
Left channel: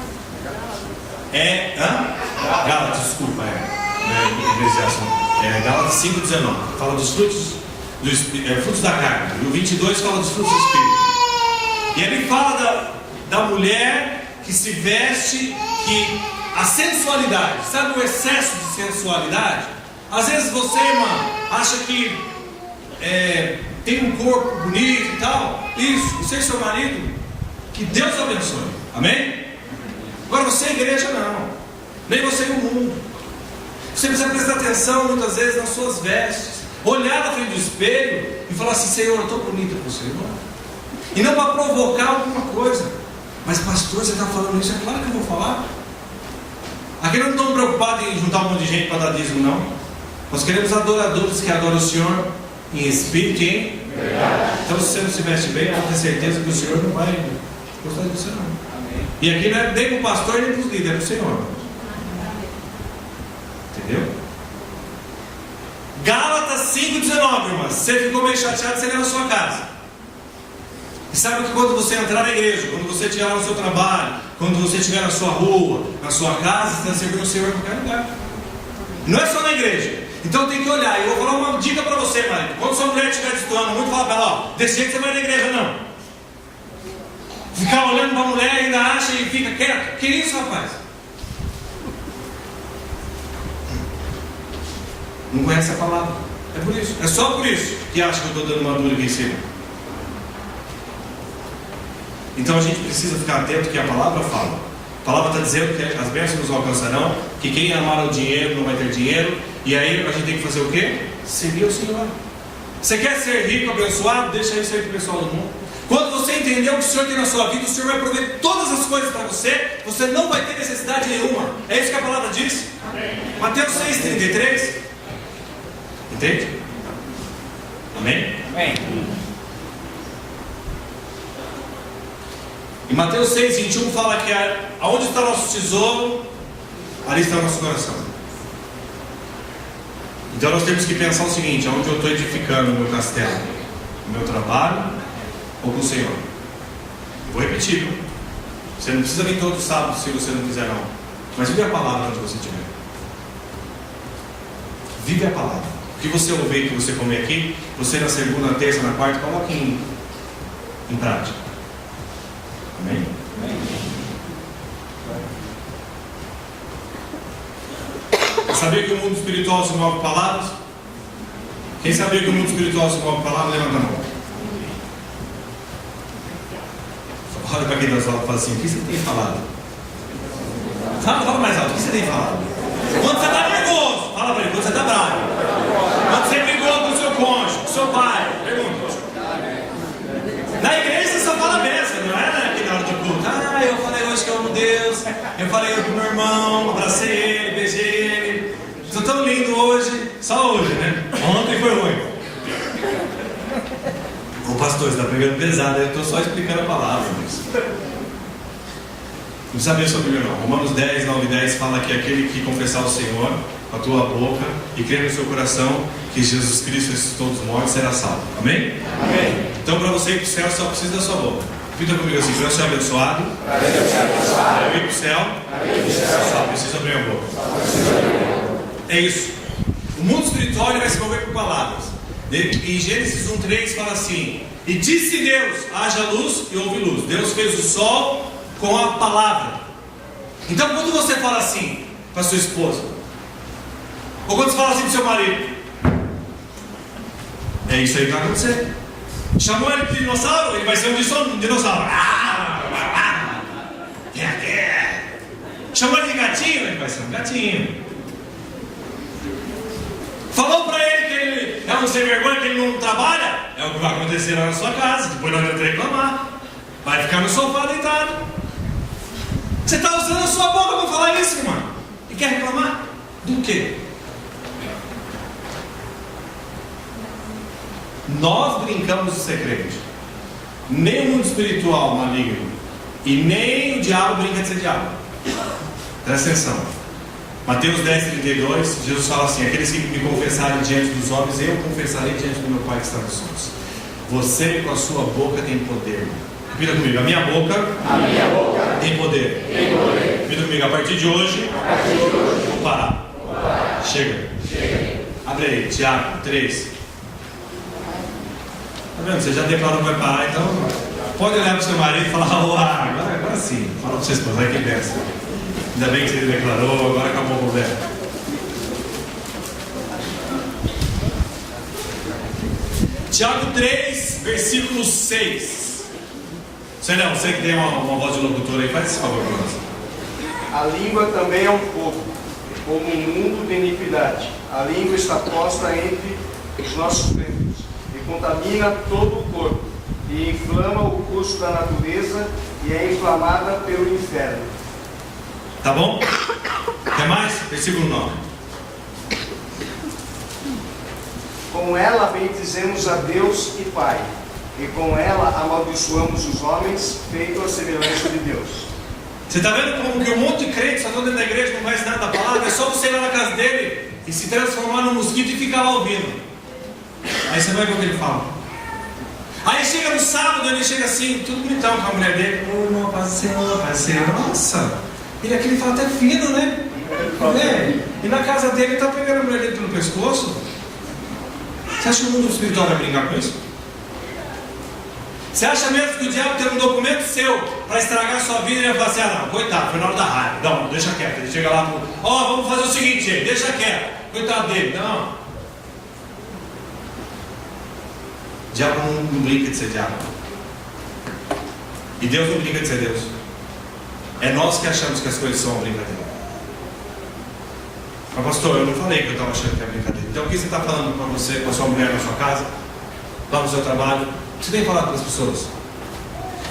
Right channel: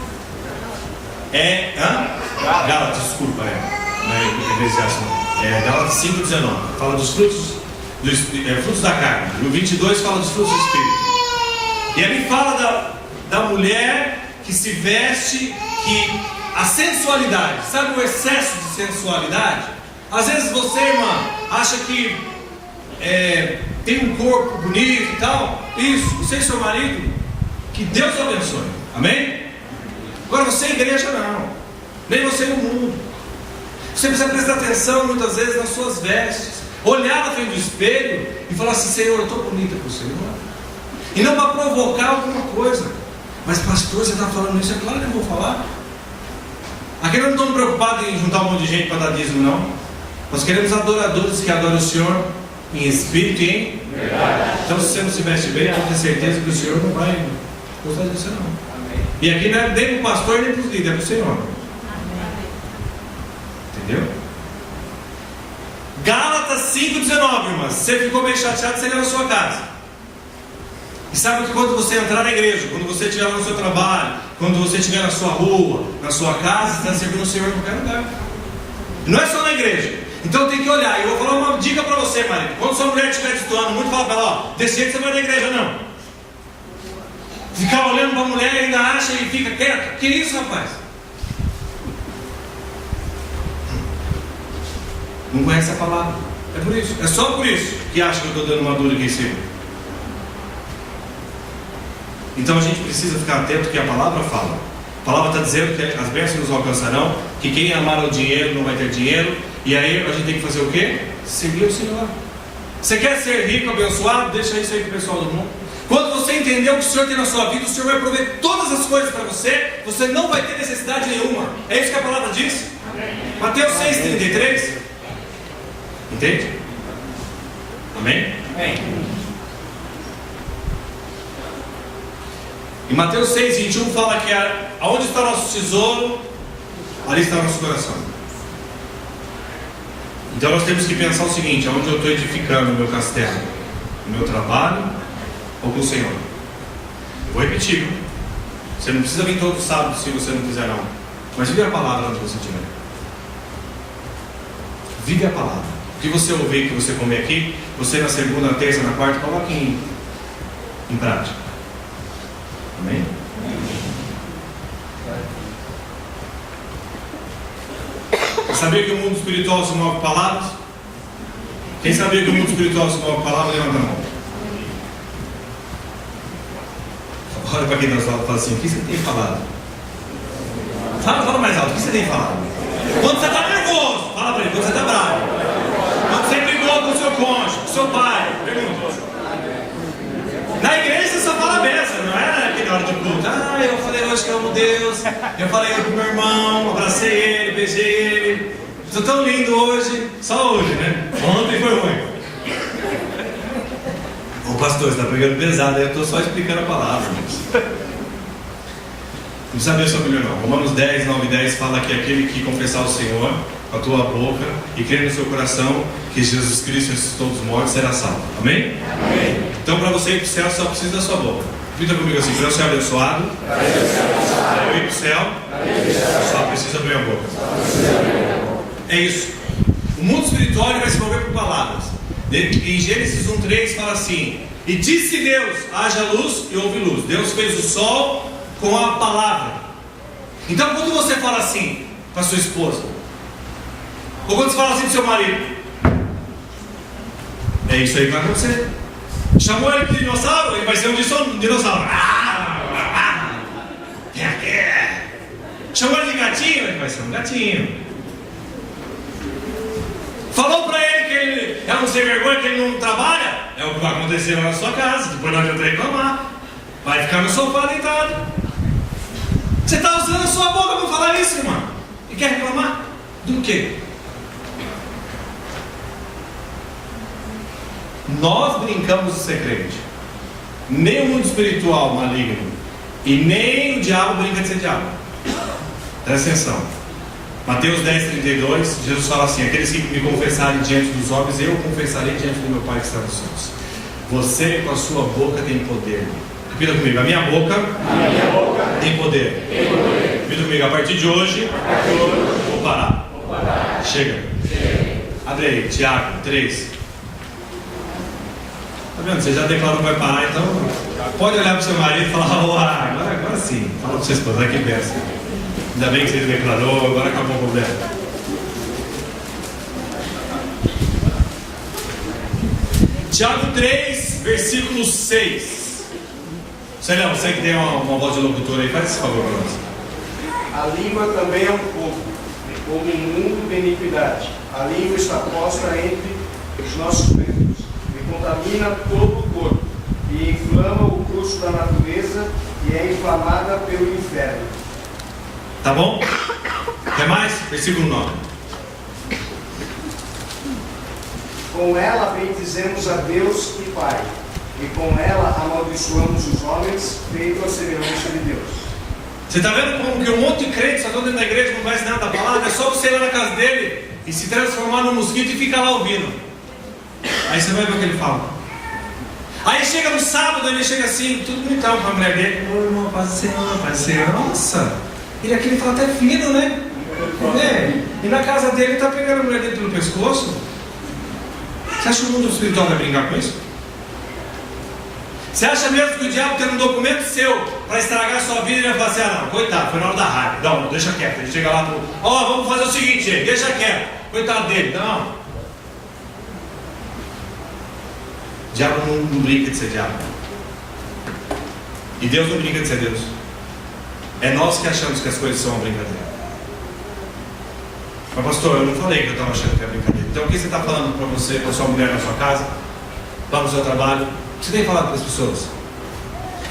Gálatas, desculpa, Eclesiastes não. Gálatas 5:19. Fala dos frutos, frutos da carne. E o 22 fala dos frutos do Espírito. E ali fala da mulher que se veste, que a sensualidade, sabe o excesso de sensualidade? Às vezes você, irmã, acha que tem um corpo bonito e tal. Isso, você e seu marido, que Deus abençoe. Amém? Agora você, igreja, não. Nem você no mundo. Você precisa prestar atenção muitas vezes nas suas vestes. Olhar na frente do espelho e falar assim: Senhor, eu estou bonita para o Senhor. E não para provocar alguma coisa. Mas pastor, você está falando isso? É claro que eu vou falar. Aqui nós não estamos preocupados em juntar um monte de gente para dar dízimo, não. Nós queremos adoradores que adoram o Senhor em espírito e em verdade. Então, se você não se veste bem, pode ter certeza que o Senhor não vai gostar de você, não. Amém. E aqui não é nem para o pastor nem para os líderes, é para o Senhor. Entendeu? Gálatas 5:19, irmãs. Você ficou meio chateado, você leva na sua casa. E sabe que quando você entrar na igreja, quando você estiver no seu trabalho, quando você estiver na sua rua, na sua casa, você está servindo o Senhor em qualquer lugar. Não é só na igreja. Então tem que olhar. E eu vou falar uma dica para você, marido. Quando sua mulher estiver destoando muito, fala para ela: ó, desse jeito você vai na igreja, não. Ficar olhando para a mulher e ainda acha e fica quieto. Que isso, rapaz? Não conhece a palavra. É por isso. É só por isso que acha que eu estou dando uma dura aqui em cima. Então a gente precisa ficar atento que a palavra fala. A palavra está dizendo que as bênçãos nos alcançarão, que quem amar o dinheiro não vai ter dinheiro. E aí a gente tem que fazer o quê? Seguir o Senhor. Você quer ser rico, abençoado? Deixa isso aí para o pessoal do mundo. Quando você entender o que o Senhor tem na sua vida, o Senhor vai prover todas as coisas para você. Você não vai ter necessidade nenhuma. É isso que a palavra diz. Mateus 6:33. Entende? Amém? Amém. E Mateus 6:21 fala que aonde está nosso tesouro, ali está nosso coração. Então nós temos que pensar o seguinte: aonde eu estou edificando o meu castelo? No meu trabalho ou com o Senhor? Eu vou repetir, viu? Você não precisa vir todo sábado se você não quiser, não. Mas vive a palavra onde você estiver. Vive a palavra. O que você ouvir, que você comer aqui, você na segunda, na terça, na quarta, coloque em prática. Amém? Sabia que o mundo espiritual se move com palavras? Quem sabia que o mundo espiritual se move com palavras, levanta a mão. Olha para quem está falando e fala assim: o que você tem falado? Fala mais alto, o que você tem falado? Quando você está nervoso, fala para ele. Quando você está bravo, quando você brigou com o seu cônjuge, com o seu pai, pergunta. Na igreja você só fala benção, não é aqui na hora do culto. Eu falei hoje que eu amo Deus, eu falei hoje pro meu irmão, abracei ele, beijei ele. Estou tão lindo hoje, só hoje, né? Ontem foi ruim. Ô pastor, você está pregando pesado, eu estou só explicando a palavra. Não precisa ver sobre o não. Romanos 10, 9 e 10 fala que aquele que confessar o Senhor com a tua boca e crer no seu coração que Jesus Cristo ressuscitou dos mortos, será salvo. Amém? Amém. Então, para você ir para o céu, só precisa da sua boca. Repita comigo assim: para eu ser abençoado, para eu ir para o céu, só preciso abrir a boca. É isso. O mundo espiritual vai se mover por palavras. Em Gênesis 1:3 fala assim: e disse Deus, haja luz e houve luz. Deus fez o sol com a palavra. Então, quando você fala assim para sua esposa, ou quando você fala assim para o seu marido, é isso aí que vai acontecer. Chamou ele de dinossauro, ele vai ser um dinossauro. Chamou ele de gatinho, ele vai ser um gatinho. Falou para ele que ele é um sem vergonha, que ele não trabalha, é o que vai acontecer lá na sua casa. Depois não adianta reclamar, vai ficar no sofá deitado. Você está usando a sua boca para falar isso, irmão, e quer reclamar do quê? Nós brincamos de ser crente. Nem o mundo espiritual maligno e nem o diabo brinca de ser diabo. Presta atenção. Mateus 10:32, Jesus fala assim: aqueles que me confessarem diante dos homens, eu confessarei diante do meu Pai que está nos céus. Você com a sua boca tem poder. Repita comigo: a minha boca tem poder. Repita comigo: a partir de hoje, vou parar. Chega. Abre aí, Tiago 3. Tá vendo? Você já declarou que vai parar, então pode olhar para o seu marido e falar: agora sim. Fala para o seu esposo: vai que benção. Ainda bem que você declarou, agora acabou o problema. Tiago 3, versículo 6. Você que tem uma voz de locutor aí, faz esse favor para nós. A língua também é um fogo, como um mundo de iniquidade. A língua está posta entre os nossos dedos e contamina todo o corpo, e inflama o curso da natureza e é inflamada pelo inferno. Tá bom? Quer mais? Versículo 9. Com ela bendizemos a Deus e Pai, e com ela amaldiçoamos os homens, feito a semelhança de Deus. Você está vendo como que um monte de crente só dentro da igreja não vai ensinar da palavra? É só você ir lá na casa dele e se transformar num mosquito e ficar lá ouvindo. Aí você vai ver o que ele fala. Aí chega no sábado, ele chega assim, tudo bonitão com a mulher dele. Ô irmão, parceiro, nossa, ele aqui fala até fino, né? E na casa dele ele está pegando a mulher dele pelo pescoço. Você acha que o mundo espiritual vai brincar com isso? Você acha mesmo que o diabo tem um documento seu para estragar a sua vida e ele vai falar assim: ah não, coitado, foi na hora da raiva. Não, deixa quieto. Ele chega lá e fala: vamos fazer o seguinte, gente, deixa quieto. Coitado dele. Não. O diabo não brinca de ser diabo. E Deus não brinca de ser Deus. É nós que achamos que as coisas são uma brincadeira. Mas pastor, eu não falei que eu estava achando que é brincadeira. Então o que você está falando para você, para sua mulher na sua casa, lá no seu trabalho? O que você tem falado para as pessoas?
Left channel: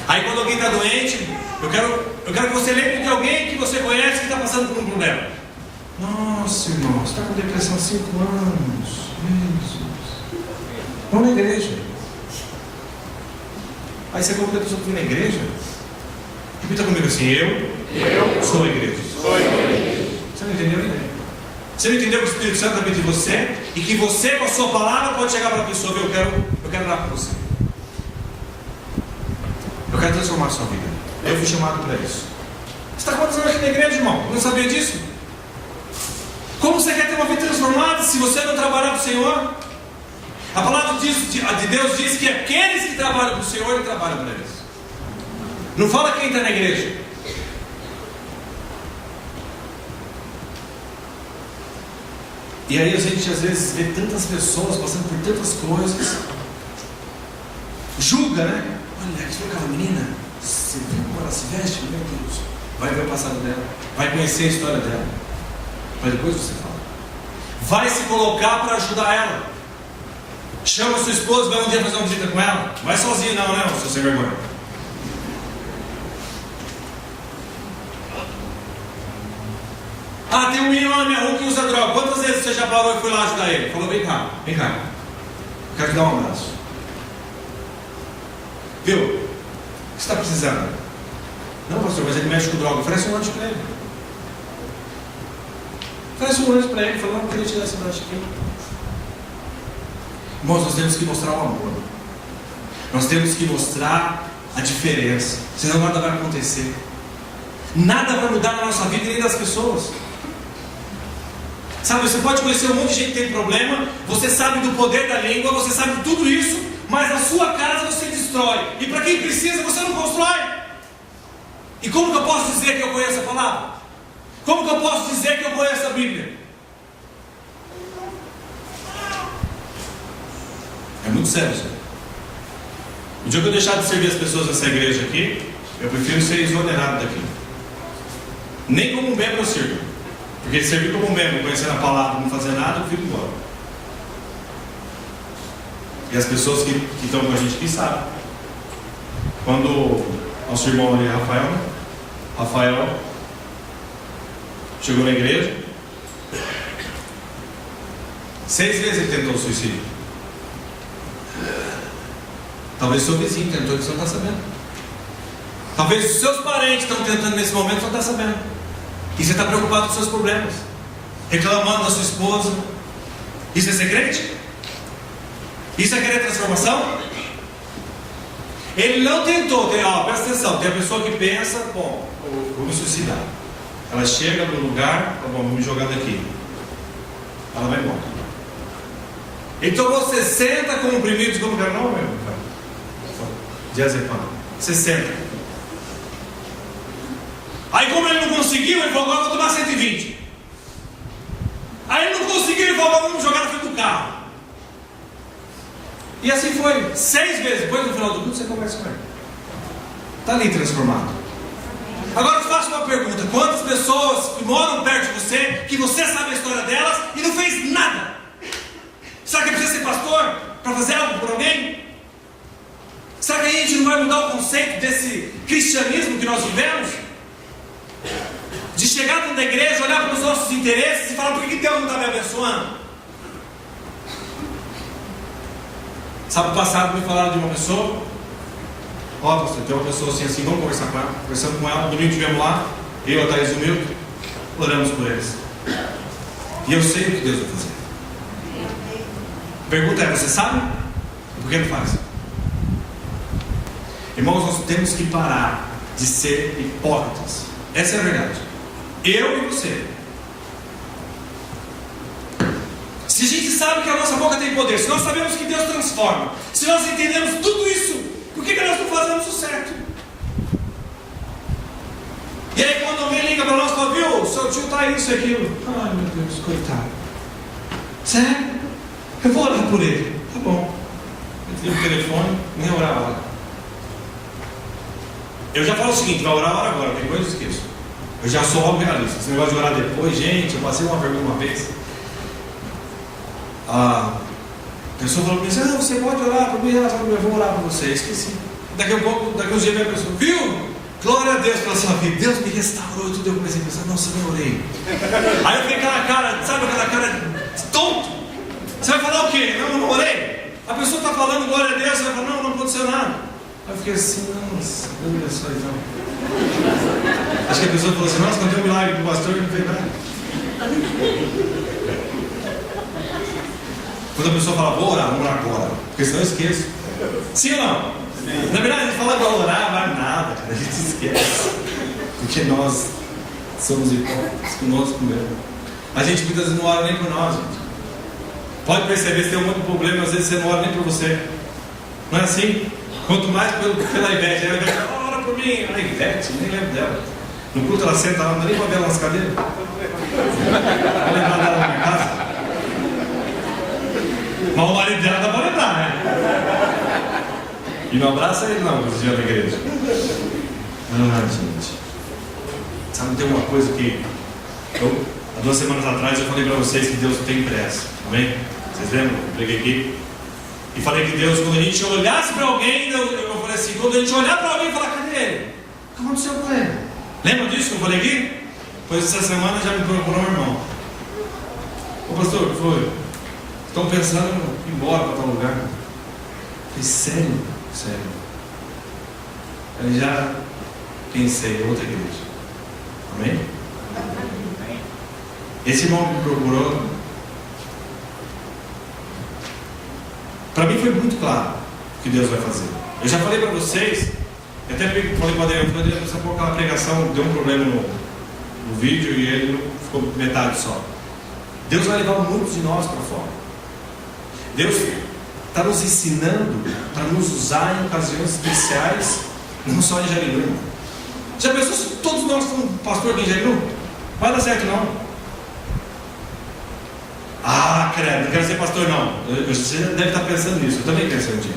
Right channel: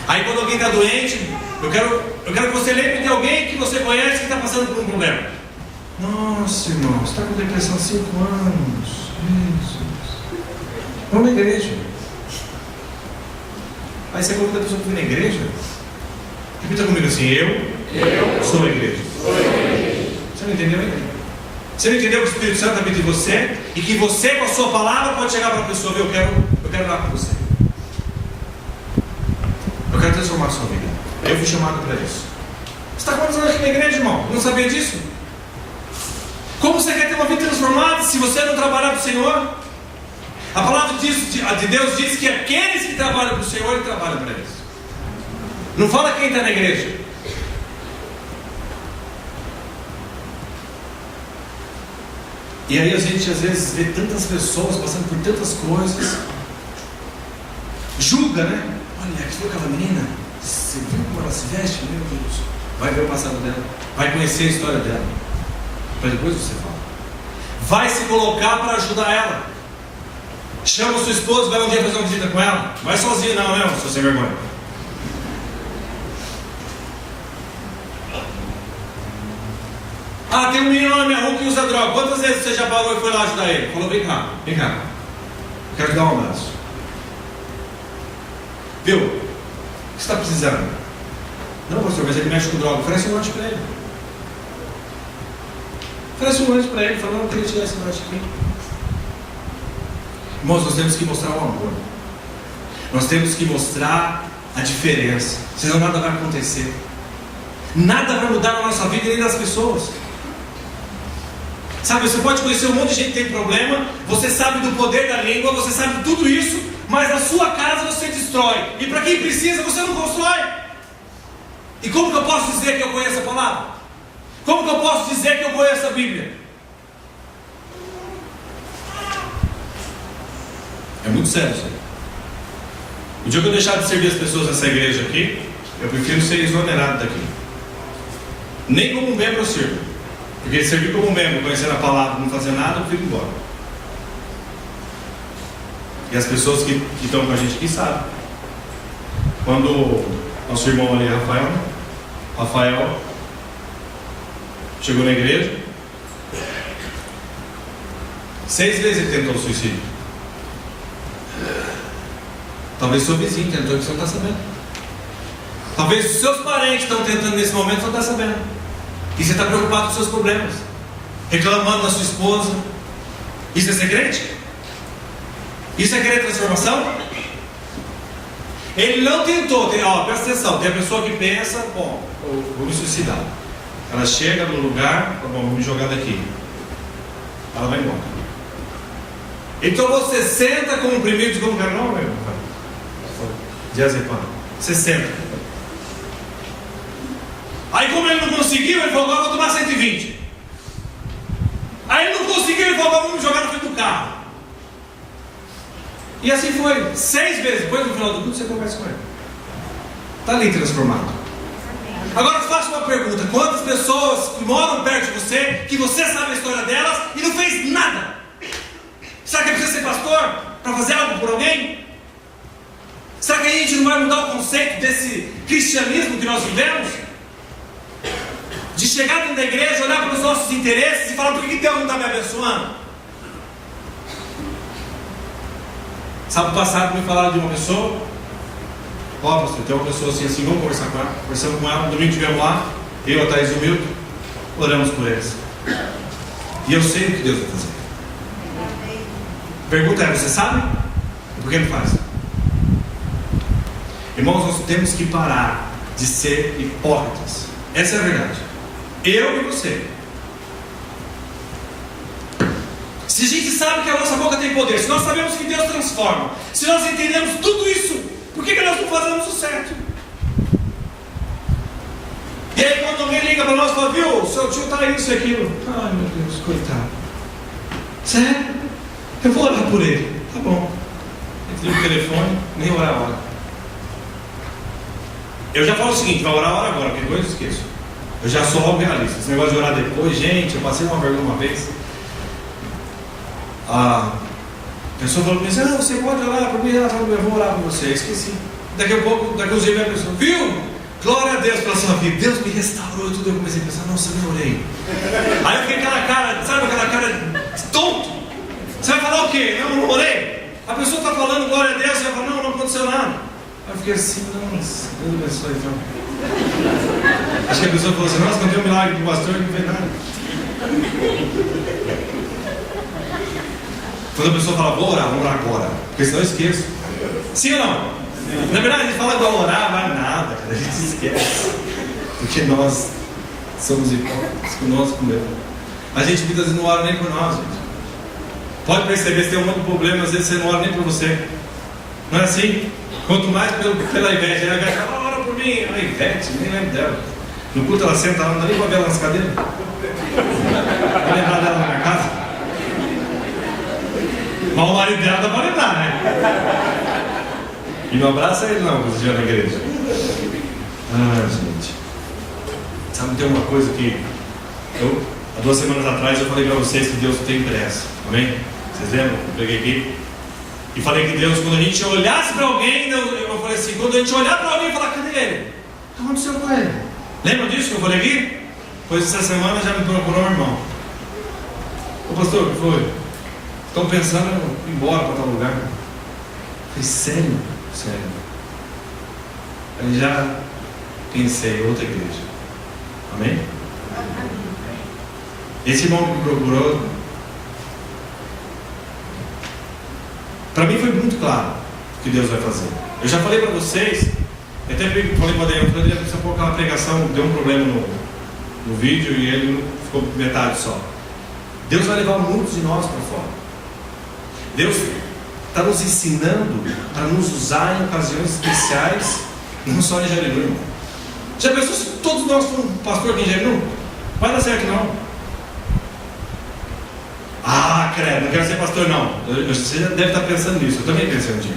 Aí quando alguém está doente, eu quero que você lembre de alguém que você conhece que está passando por um problema. Nossa, irmão, você está com depressão há 5 anos. Jesus. Vamos na igreja. Aí você convida a pessoa para ir na igreja. Repita comigo assim: eu sou a igreja. Você não entendeu ainda? Você não entendeu que o Espírito Santo habita em você e que você, com a sua palavra, pode chegar para a pessoa: eu quero orar com você. Eu quero transformar a sua vida. Eu fui chamado para isso. Você está quantos anos aqui na igreja, irmão? Não sabia disso? Como você quer ter uma vida transformada se você não trabalhar para o Senhor? A palavra de Deus diz que aqueles que trabalham para o Senhor, Ele trabalha para eles. Não fala quem está na igreja. E aí a gente às vezes vê tantas pessoas passando por tantas coisas, julga, né? Olha, aqui aquela menina, você viu como ela se veste? Meu Deus. Vai ver o passado dela, vai conhecer a história dela, mas depois você fala. Vai se colocar para ajudar ela. Chama sua esposa, vai um dia fazer uma visita com ela. Vai sozinho não, né, seu sem vergonha. Ah, tem um menino na minha rua que usa droga. Quantas vezes você já parou e foi lá ajudar ele? Falou: vem cá. Eu quero te dar um abraço. Viu? O que você está precisando? Não, pastor, mas ele mexe com droga. Oferece um lanche para ele. Parece um anjo para ele, falando: não, eu queria tirar esse baixo aqui. Irmãos, nós temos que mostrar o amor. Nós temos que mostrar a diferença. Senão nada vai acontecer. Nada vai mudar na nossa vida, nem das pessoas. Sabe, você pode conhecer um monte de gente que tem problema, você sabe do poder da língua, você sabe de tudo isso, mas na sua casa você destrói. E para quem precisa, você não constrói. E como que eu posso dizer que eu conheço a palavra? Como que eu posso dizer que eu conheço a Bíblia? É muito sério isso aí. O dia que eu deixar de servir as pessoas nessa igreja aqui, eu prefiro ser exonerado daqui. Nem como um membro eu sirvo. Porque servir como um membro, conhecendo a palavra, não fazer nada, eu fico embora. E as pessoas que estão com a gente aqui sabem. Quando nosso irmão ali, Rafael chegou na igreja, 6 vezes ele tentou o suicídio. Talvez seu vizinho tentou, que você não está sabendo. Talvez os seus parentes estão tentando nesse momento, você não está sabendo. E você está preocupado com os seus problemas, reclamando da sua esposa. Isso é ser crente? Isso é querer transformação? Ele não tentou. Presta atenção, tem a pessoa que pensa: bom, eu vou me suicidar. Ela chega no lugar: bom, vou me jogar daqui. Ela vai embora. Então você senta com comprimidos, como que era o nome? Diazepam. Você senta. Aí como ele não conseguiu, ele falou: agora eu vou tomar 120. Aí ele não conseguiu, ele falou: agora vamos jogar na frente do carro. E assim foi, 6 vezes. Depois no final do culto você conversa com ele. Está ali transformado. Agora eu te faço uma pergunta: quantas pessoas que moram perto de você, que você sabe a história delas e não fez nada? Será que precisa ser pastor para fazer algo por alguém? Será que a gente não vai mudar o conceito desse cristianismo que nós vivemos? De chegar dentro da igreja, olhar para os nossos interesses e falar: por que Deus não está me abençoando? Sábado passado me falaram de uma pessoa: ó, pastor, tem uma pessoa assim, vamos conversar com ela. Conversamos com ela, domingo estivemos lá, eu, a Thaís e o Milton, oramos por eles. E eu sei o que Deus vai fazer. Pergunta é: você sabe? Por que não faz? Irmãos, nós temos que parar de ser hipócritas. Essa é a verdade. Eu e você. Se a gente sabe que a nossa boca tem poder, se nós sabemos que Deus transforma, se nós entendemos tudo isso, por que nós não fazemos o certo? E aí quando alguém liga para nós e fala: viu, seu tio está isso e aquilo. Ai meu Deus, coitado. Sério? Eu vou orar por ele. Tá bom. Eu o telefone, nem orar a hora. Eu já falo o seguinte: vai orar a hora agora, porque depois eu esqueço. Eu já sou logo realista. Esse negócio de orar depois, gente, eu passei uma vergonha uma vez. A pessoa falou para mim: não, você pode orar por mim, eu vou orar por você. Eu esqueci. Daqui a pouco, daqui a uns dias vem a pessoa: viu? Glória a Deus pela sua vida. Deus me restaurou e tudo. Eu comecei a pensar: nossa, eu nem orei. Aí eu fiquei com aquela cara, sabe aquela cara de tonto? Você vai falar o quê? Não orei. A pessoa está falando glória a Deus, você vai falar: não aconteceu nada. Aí eu fiquei assim: nossa, Deus abençoe então. Acho que a pessoa falou assim: nossa, contei um milagre para o pastor e não fez nada. Quando a pessoa fala: vou orar agora, porque senão eu esqueço. Sim ou não? Na verdade, a gente fala para orar, mas nada, cara, a gente esquece. Porque nós somos hipócritas conosco mesmo. A gente muitas vezes não ora nem por nós, gente. Pode perceber, se tem um monte de problema, às vezes você não ora nem por você. Não é assim? Quanto mais pela Ivete. A Ivete fala: ora por mim. A Ivete, nem lembro dela. No culto ela senta, ela não dá nem para ver ela nas cadeiras. Vai lembrar dela na minha casa? Mas o marido dela dá para lembrar, né? E não abraça ele não, quando você estiver na igreja. Ah, gente. Sabe, tem uma coisa que há 2 semanas atrás eu falei para vocês que Deus tem pressa. Amém? Vocês lembram? Eu peguei aqui e falei que Deus, quando a gente olhasse para alguém, eu falei assim: quando a gente olhar para alguém e falar: cadê ele? O que aconteceu com ele? Lembra disso que eu falei aqui? Pois essa semana já me procurou um irmão. Ô pastor, o que foi? Estão pensando em ir embora para tal lugar. Eu falei: sério? Sério. Eu já pensei em outra igreja. Amém? Esse irmão que me procurou, para mim foi muito claro o que Deus vai fazer. Eu já falei para vocês, eu até falei para o Adriano, precisa pôr aquela pregação, deu um problema no vídeo e ele ficou metade só. Deus vai levar muitos de nós para fora. Deus está nos ensinando para nos usar em ocasiões especiais, não só em Jarinu. Já pensou se todos nós fomos pastor aqui em Jarinu? Vai dar certo não. Ah, credo, não quero ser pastor não. Você deve estar pensando nisso, eu também pensei um dia.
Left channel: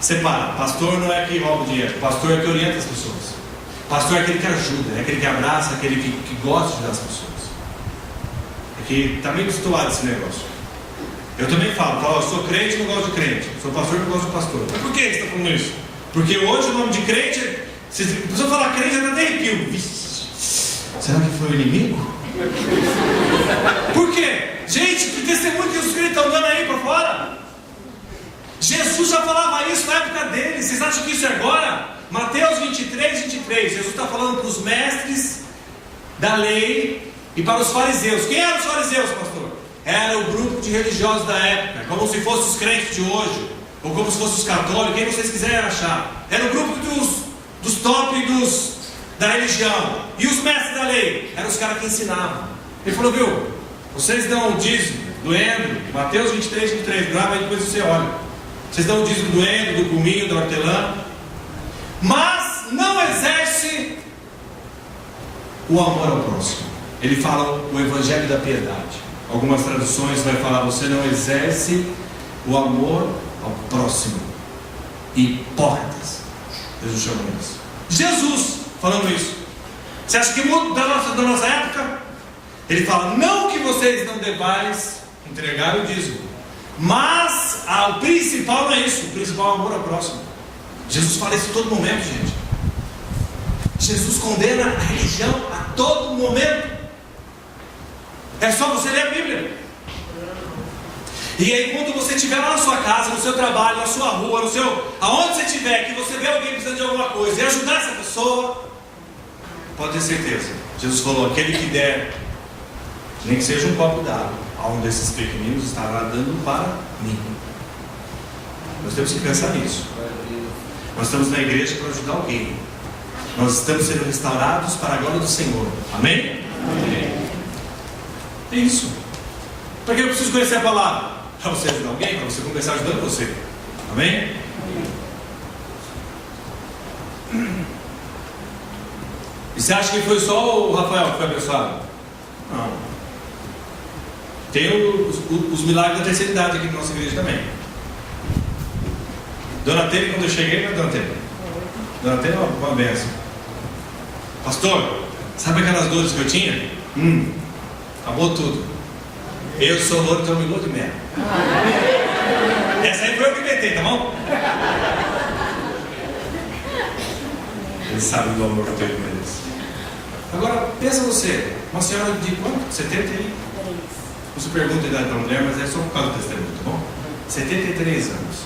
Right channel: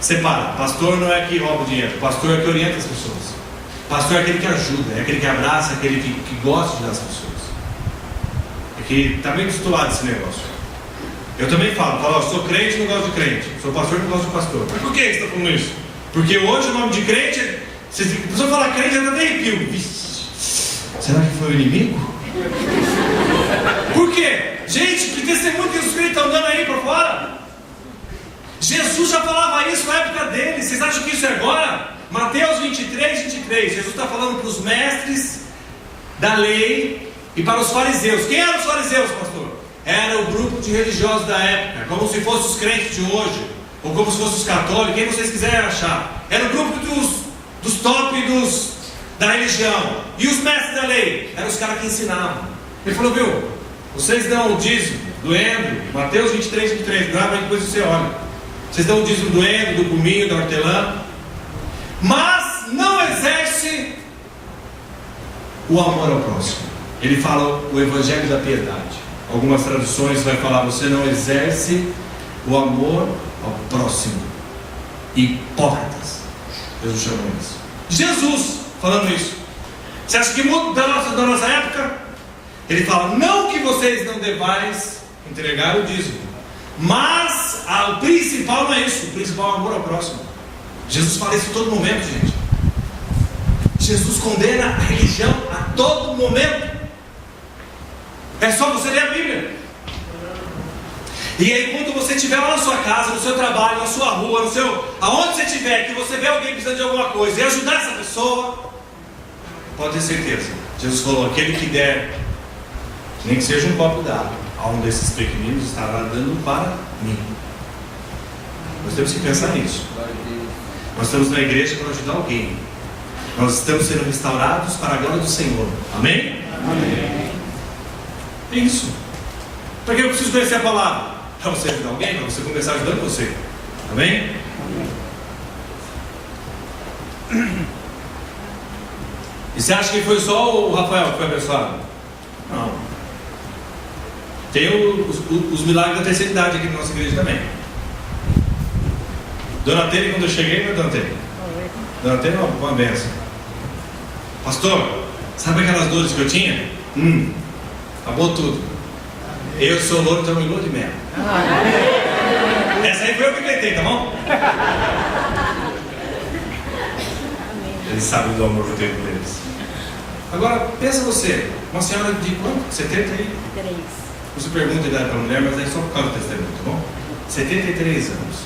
Separa, pastor não é que rouba o dinheiro, pastor é que orienta as pessoas. Pastor é aquele que ajuda, é aquele que abraça, aquele que gosta de dar as pessoas. Porque está meio destoado esse negócio. Eu também falo, eu sou crente e não gosto de crente. Sou pastor e não gosto de pastor. Mas por que você está falando isso? Porque hoje o nome de crente, se a pessoa falar crente, já até arrepio. Será que foi o inimigo? Por quê? Gente, que testemunho que os crentes estão dando aí para fora? Jesus já falava isso na época dele. Vocês acham que isso é agora? Mateus 23, 23. Jesus está falando para os mestres da lei e para os fariseus. Quem eram os fariseus, pastor? Era o grupo de religiosos da época, como se fossem os crentes de hoje, ou como se fossem os católicos, quem vocês quiserem achar. Era o grupo dos top da religião. E os mestres da lei eram os caras que ensinavam. Ele falou, viu, vocês dão o dízimo do endo, Mateus 23, 23, grava aí depois você olha. Vocês dão o dízimo do endo, do cominho, da hortelã, mas não exerce o amor ao próximo. Ele fala o evangelho da piedade. Algumas traduções vai falar, você não exerce o amor ao próximo. Hipócritas. Jesus chama isso. Jesus falando isso. Você acha que muda da nossa época? Ele fala, não que vocês não devais entregar o dízimo, mas o principal não é isso. O principal é o amor ao próximo. Jesus fala isso a todo momento, gente. Jesus condena a religião a todo momento. É só você ler a Bíblia. E aí quando você estiver lá na sua casa, no seu trabalho, na sua rua, aonde você estiver, que você vê alguém precisando de alguma coisa e ajudar essa pessoa, pode ter certeza, Jesus falou, aquele que der, nem que seja um copo d'água, a um desses pequeninos estará dando para mim. Nós temos que pensar nisso. Nós estamos na igreja para ajudar alguém. Nós estamos sendo restaurados para a glória do Senhor. Amém? Amém. É isso. Para que eu preciso conhecer a palavra? Para você ajudar alguém, para você começar ajudando você. Amém? E você acha que foi só o Rafael que foi abençoado? Não. Tem os milagres da terceira idade aqui na nossa igreja também. Dona Tere, quando eu cheguei, não é Dona Tere? Dona Tere é uma benção. Pastor, sabe aquelas dores que eu tinha? Acabou tudo. Eu sou louro, então me lua de mel. Essa aí foi eu que inventei, tá bom? Eles sabem do amor que eu tenho com eles. Agora, pensa você, uma senhora de quanto? 73? Não se pergunta a idade para a mulher, mas é só por causa do testemunho, tá bom? 73 anos.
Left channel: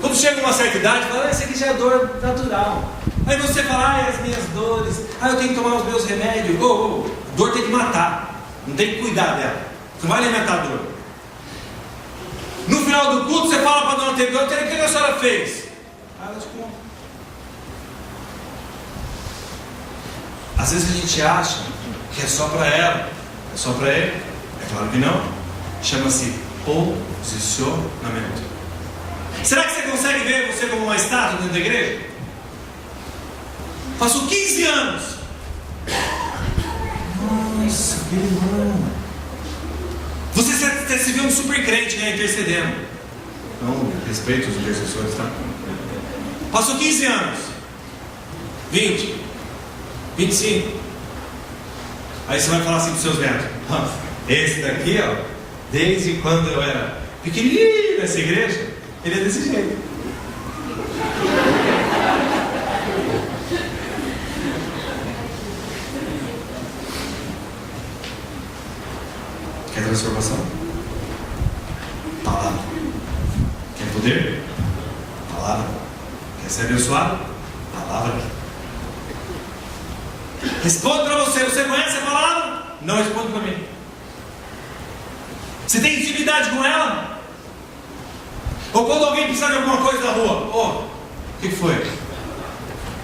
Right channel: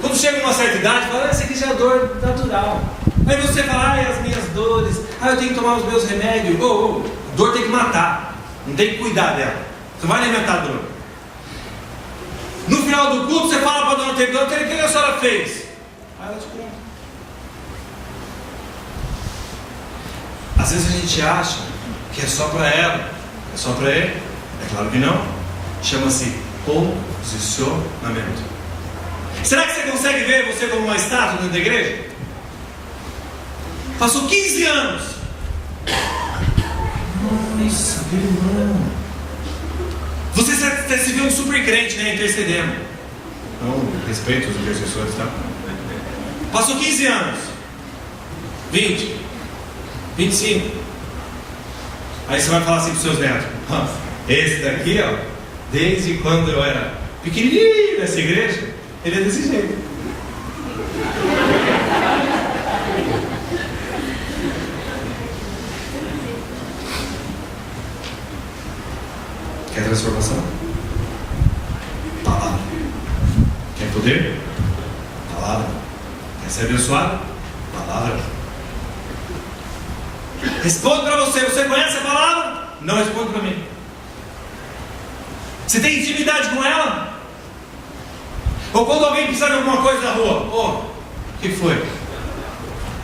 Quando chega uma certa idade, fala, essa aqui já é dor natural. Aí você fala, as minhas dores, eu tenho que tomar os meus remédios. Dor tem que matar, não tem que cuidar dela. Você não vai alimentar a dor. No final do culto, você fala para a dona Tere, o que a senhora fez? Ela te conta. Às vezes a gente acha que é só para ela, é só para ele. É claro que não. Chama-se posicionamento. Será que você consegue ver você como uma estátua dentro da igreja? Passou 15 anos. Nossa, meu irmão. Você se vê um super crente, né? Intercedendo. Não, respeito os intercessores, tá? Passou 15 anos. 20. 25. Aí você vai falar assim para os seus netos. Esse daqui, desde quando eu era pequenininho nessa igreja, ele é desse jeito. Quer transformação? Palavra. Quer poder? Palavra. Quer ser abençoado? Palavra. Responde para você conhece a palavra? não responde para mim. Você tem intimidade com ela? Ou quando alguém precisa de alguma coisa na rua, o que foi?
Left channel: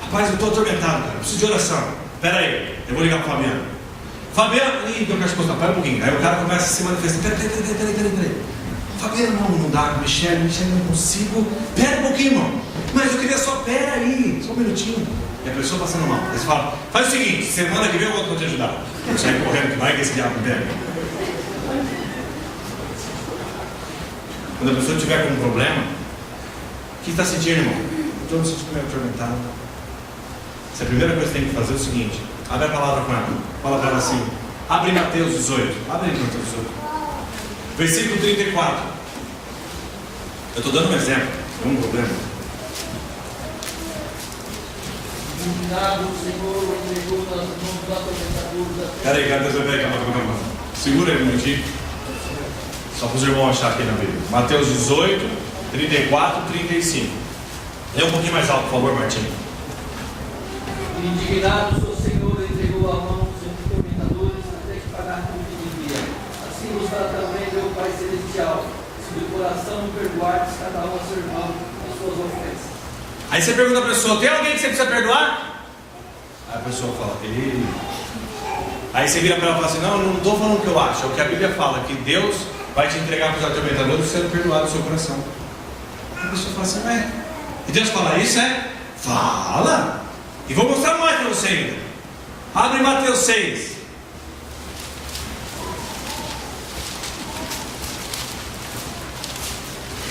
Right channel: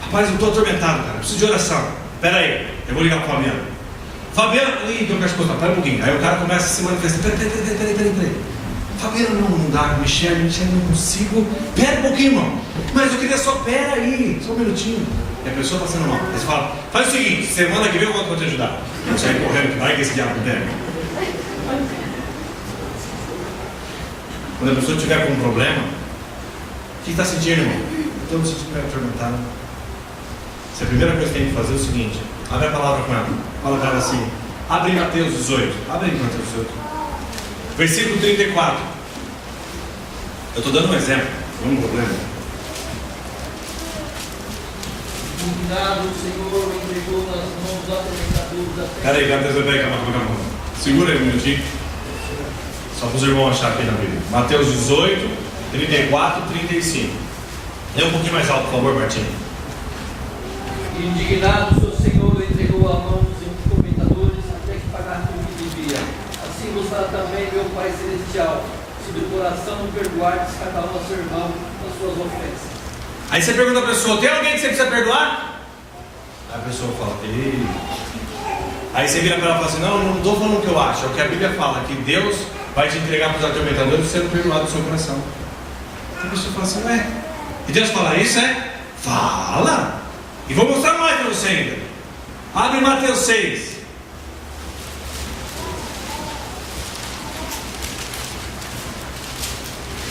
Rapaz, eu estou atormentado, cara, preciso de oração. Espera aí, eu vou ligar para o Fabiano. Fabiano, então quero escutar, pera um pouquinho. Aí o cara começa a se manifestar. Peraí. Fabiano, não dá, Michele, não consigo. Pera um pouquinho, irmão. Mas eu queria só, pera aí, só um minutinho. E a pessoa está sendo mal. Aí você fala, faz o seguinte, semana que vem eu volto para te ajudar. Você vai correndo, que vai que esse diabo pega. Quando a pessoa estiver com um problema, o que está sentindo, irmão? Estou me sentindo meio atormentado. Se a primeira coisa que tem que fazer é o seguinte: abre a palavra com ela. Fala para ela assim. Abre Mateus 18. Abre Mateus 18. Versículo 34. Eu estou dando um exemplo. Não é um problema. O Senhor entregou nas mãos dos atormentadores. Peraí, calma. Segura aí um minutinho. Só para os irmãos achar aqui na Bíblia. Mateus 18, 34, 35. Lê um pouquinho mais alto, por favor, Martinho. Indignado, o Senhor entregou a mão dos atormentadores até que pagar tudo que devia. Assim nos dá também meu Pai Celestial, sob o coração de perdoar cada um a seu irmão as suas ofensas. Aí você pergunta a pessoa: tem alguém que você precisa perdoar? Aí a pessoa fala: ei. Aí você vira para ela e fala assim: não estou falando o que eu acho, é o que a Bíblia fala, que Deus vai te entregar para os atormentadores sendo perdoado do seu coração. A pessoa fala assim: ué, e Deus fala isso, é? Fala! E vou mostrar mais para você ainda. Abre Mateus 6.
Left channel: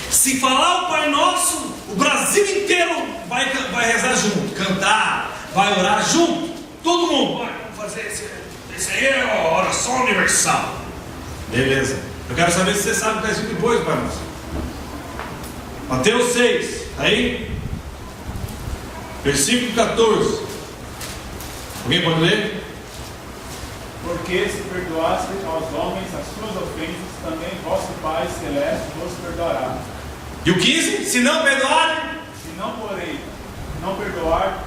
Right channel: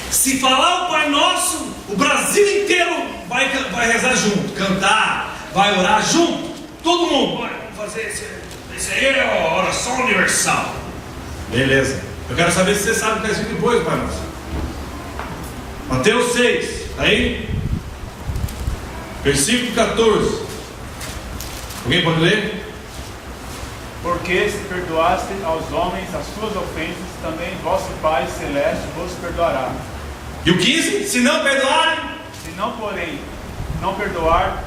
Se falar o Pai Nosso, o Brasil inteiro vai rezar junto, cantar, vai orar junto. Todo mundo vai fazer esse aí é a oração universal. Beleza. Eu quero saber se você sabe o que está escrito depois, Pai Nosso. Mateus 6, aí, versículo 14. Alguém pode ler? Porque se perdoaste aos homens as suas ofensas, também vosso Pai Celeste vos perdoará. E o 15? Se não perdoarem, Se não, porém, não perdoar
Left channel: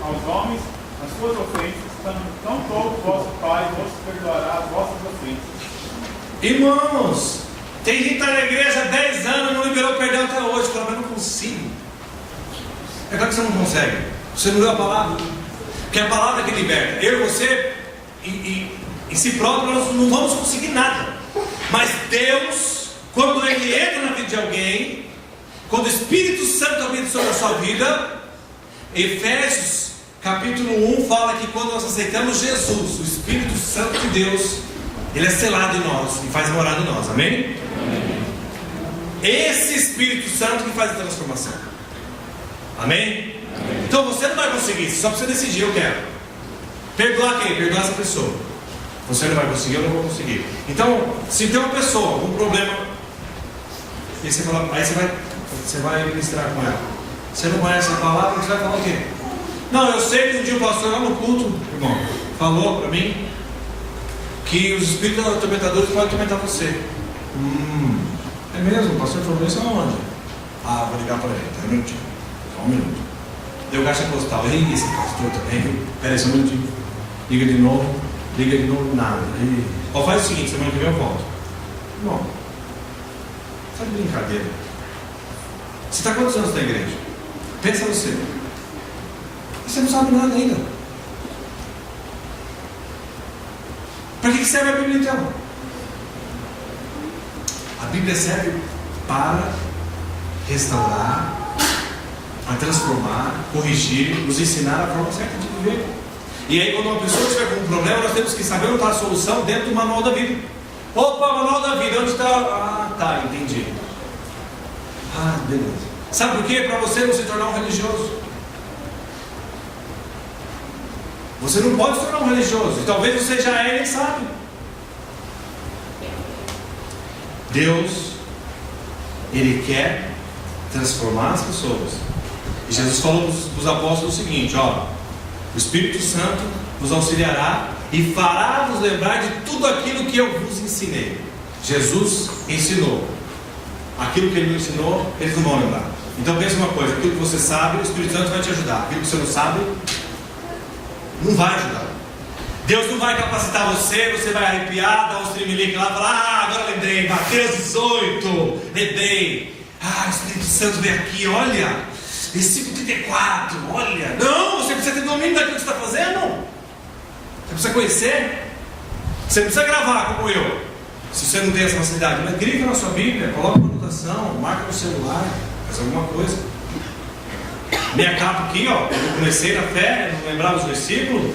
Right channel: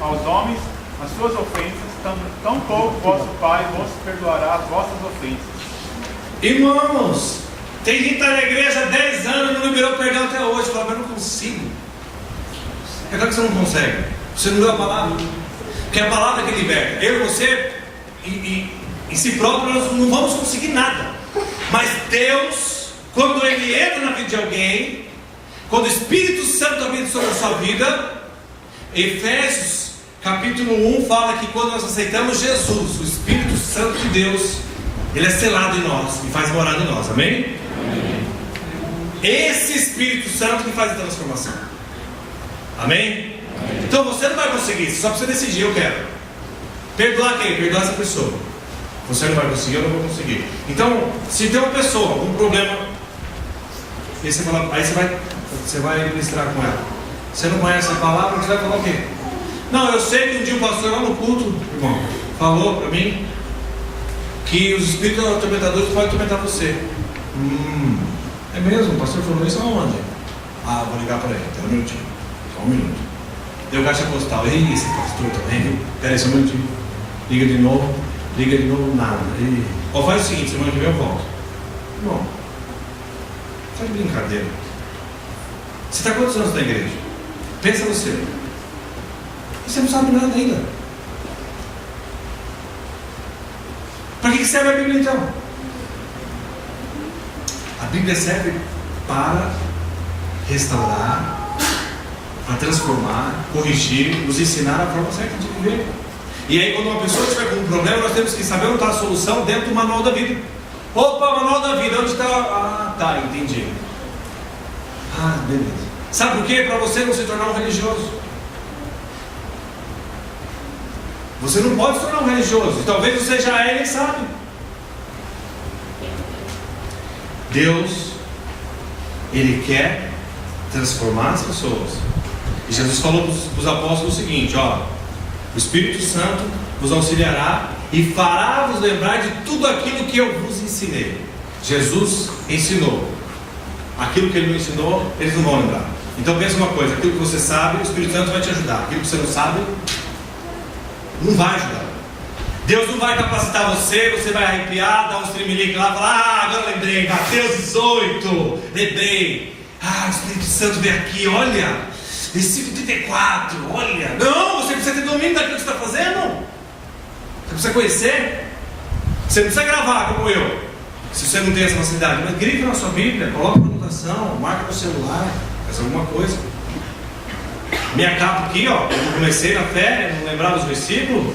aos homens as suas ofensas, tampouco vosso Pai vos perdoará as vossas ofensas. irmãos, tem gente que está na igreja há 10 anos e não liberou perdão até hoje. Fala, mas não consigo. É claro que você não consegue. Você não leu a palavra. Porque é a palavra que liberta. Eu e você, em si próprio, nós não vamos conseguir nada. Mas Deus, quando Ele entra na vida de alguém, quando o Espírito Santo habita sobre a sua vida, Efésios capítulo 1 fala que quando nós aceitamos Jesus, o Espírito Santo de Deus, Ele é selado em nós e faz morar em nós, amém? Amém. Esse Espírito Santo que faz a transformação, amém? Amém. Então você não vai conseguir, só precisa decidir: eu quero perdoar quem? Perdoar essa pessoa. Você não vai conseguir, eu não vou conseguir. Então, se tem uma pessoa, algum problema, aí você vai ministrar com ela. Você não conhece a palavra, você vai falar o quê? Não, eu sei que um dia o pastor lá no culto, irmão, falou para mim que os espíritos atormentadores podem atormentar você. É mesmo? O pastor falou isso aonde? Vou ligar para ele, até um minutinho. Só um minuto. Deu caixa postal. Ei, esse pastor também, viu? Pera aí, só um minutinho. Liga de novo, nada. Faz o seguinte, semana que vem eu volto. Bom, faz brincadeira. Você está quantos anos na igreja? Pensa você. Você não sabe nada ainda. Para que serve a Bíblia então? A Bíblia serve para restaurar, para transformar, corrigir, nos ensinar a forma certa de viver. E aí, quando uma pessoa estiver com um problema, nós temos que saber onde está a solução dentro do manual da vida. Opa, manual da vida, onde está? Tá, entendi. Beleza. Sabe por quê? Para você não se tornar um religioso. Você não pode se tornar um religioso. E talvez você já é e nem sabe. Deus, Ele quer transformar as pessoas. E Jesus falou para os apóstolos o seguinte: o Espírito Santo vos auxiliará e fará vos lembrar de tudo aquilo que eu vos ensinei. Jesus ensinou. Aquilo que Ele não ensinou, eles não vão lembrar. Então pensa uma coisa: aquilo que você sabe, o Espírito Santo vai te ajudar. Aquilo que você não sabe, não vai ajudar. Deus não vai capacitar você, você vai arrepiar, dar um streamlink lá e falar: agora lembrei, Mateus 18, lembrei. O Espírito Santo vem aqui, olha, versículo 34, olha. Não, você precisa ter domínio daquilo que você está fazendo. Você precisa conhecer. Você não precisa gravar como eu, se você não tem essa facilidade. Mas grifa na sua Bíblia, coloca uma anotação, marca no celular, faz alguma coisa. Minha capa aqui, ó, eu comecei na fé, não lembrava os versículos,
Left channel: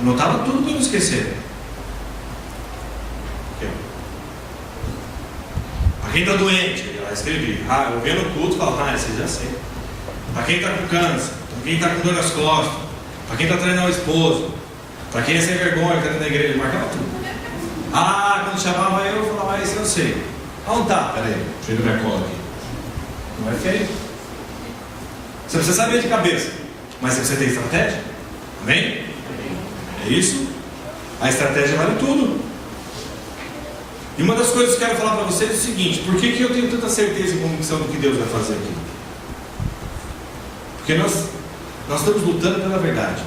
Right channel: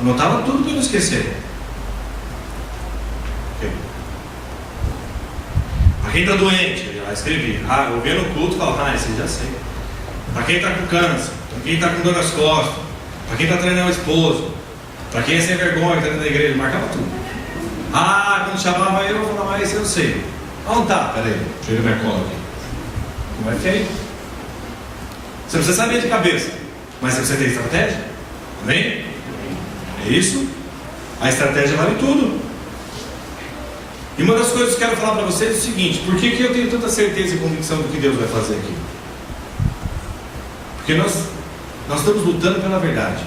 anotava tudo para não esquecer. Okay. Para quem está doente, eu já escrevi. Eu vi no culto e falo: esse já sei. Para quem está com câncer, para quem está com dor nas costas, para quem está treinando o esposo, para quem é sem vergonha, está na igreja, marcava tudo. Quando chamava eu falava: esse eu sei. Onde está? Peraí, deixa eu ver minha cola aqui. Não é que é isso. Você não precisa saber de cabeça, mas você tem estratégia. Amém? É isso? A estratégia vale tudo. E uma das coisas que eu quero falar para vocês é o seguinte: por que eu tenho tanta certeza e convicção do que Deus vai fazer aqui? Porque nós estamos lutando pela verdade.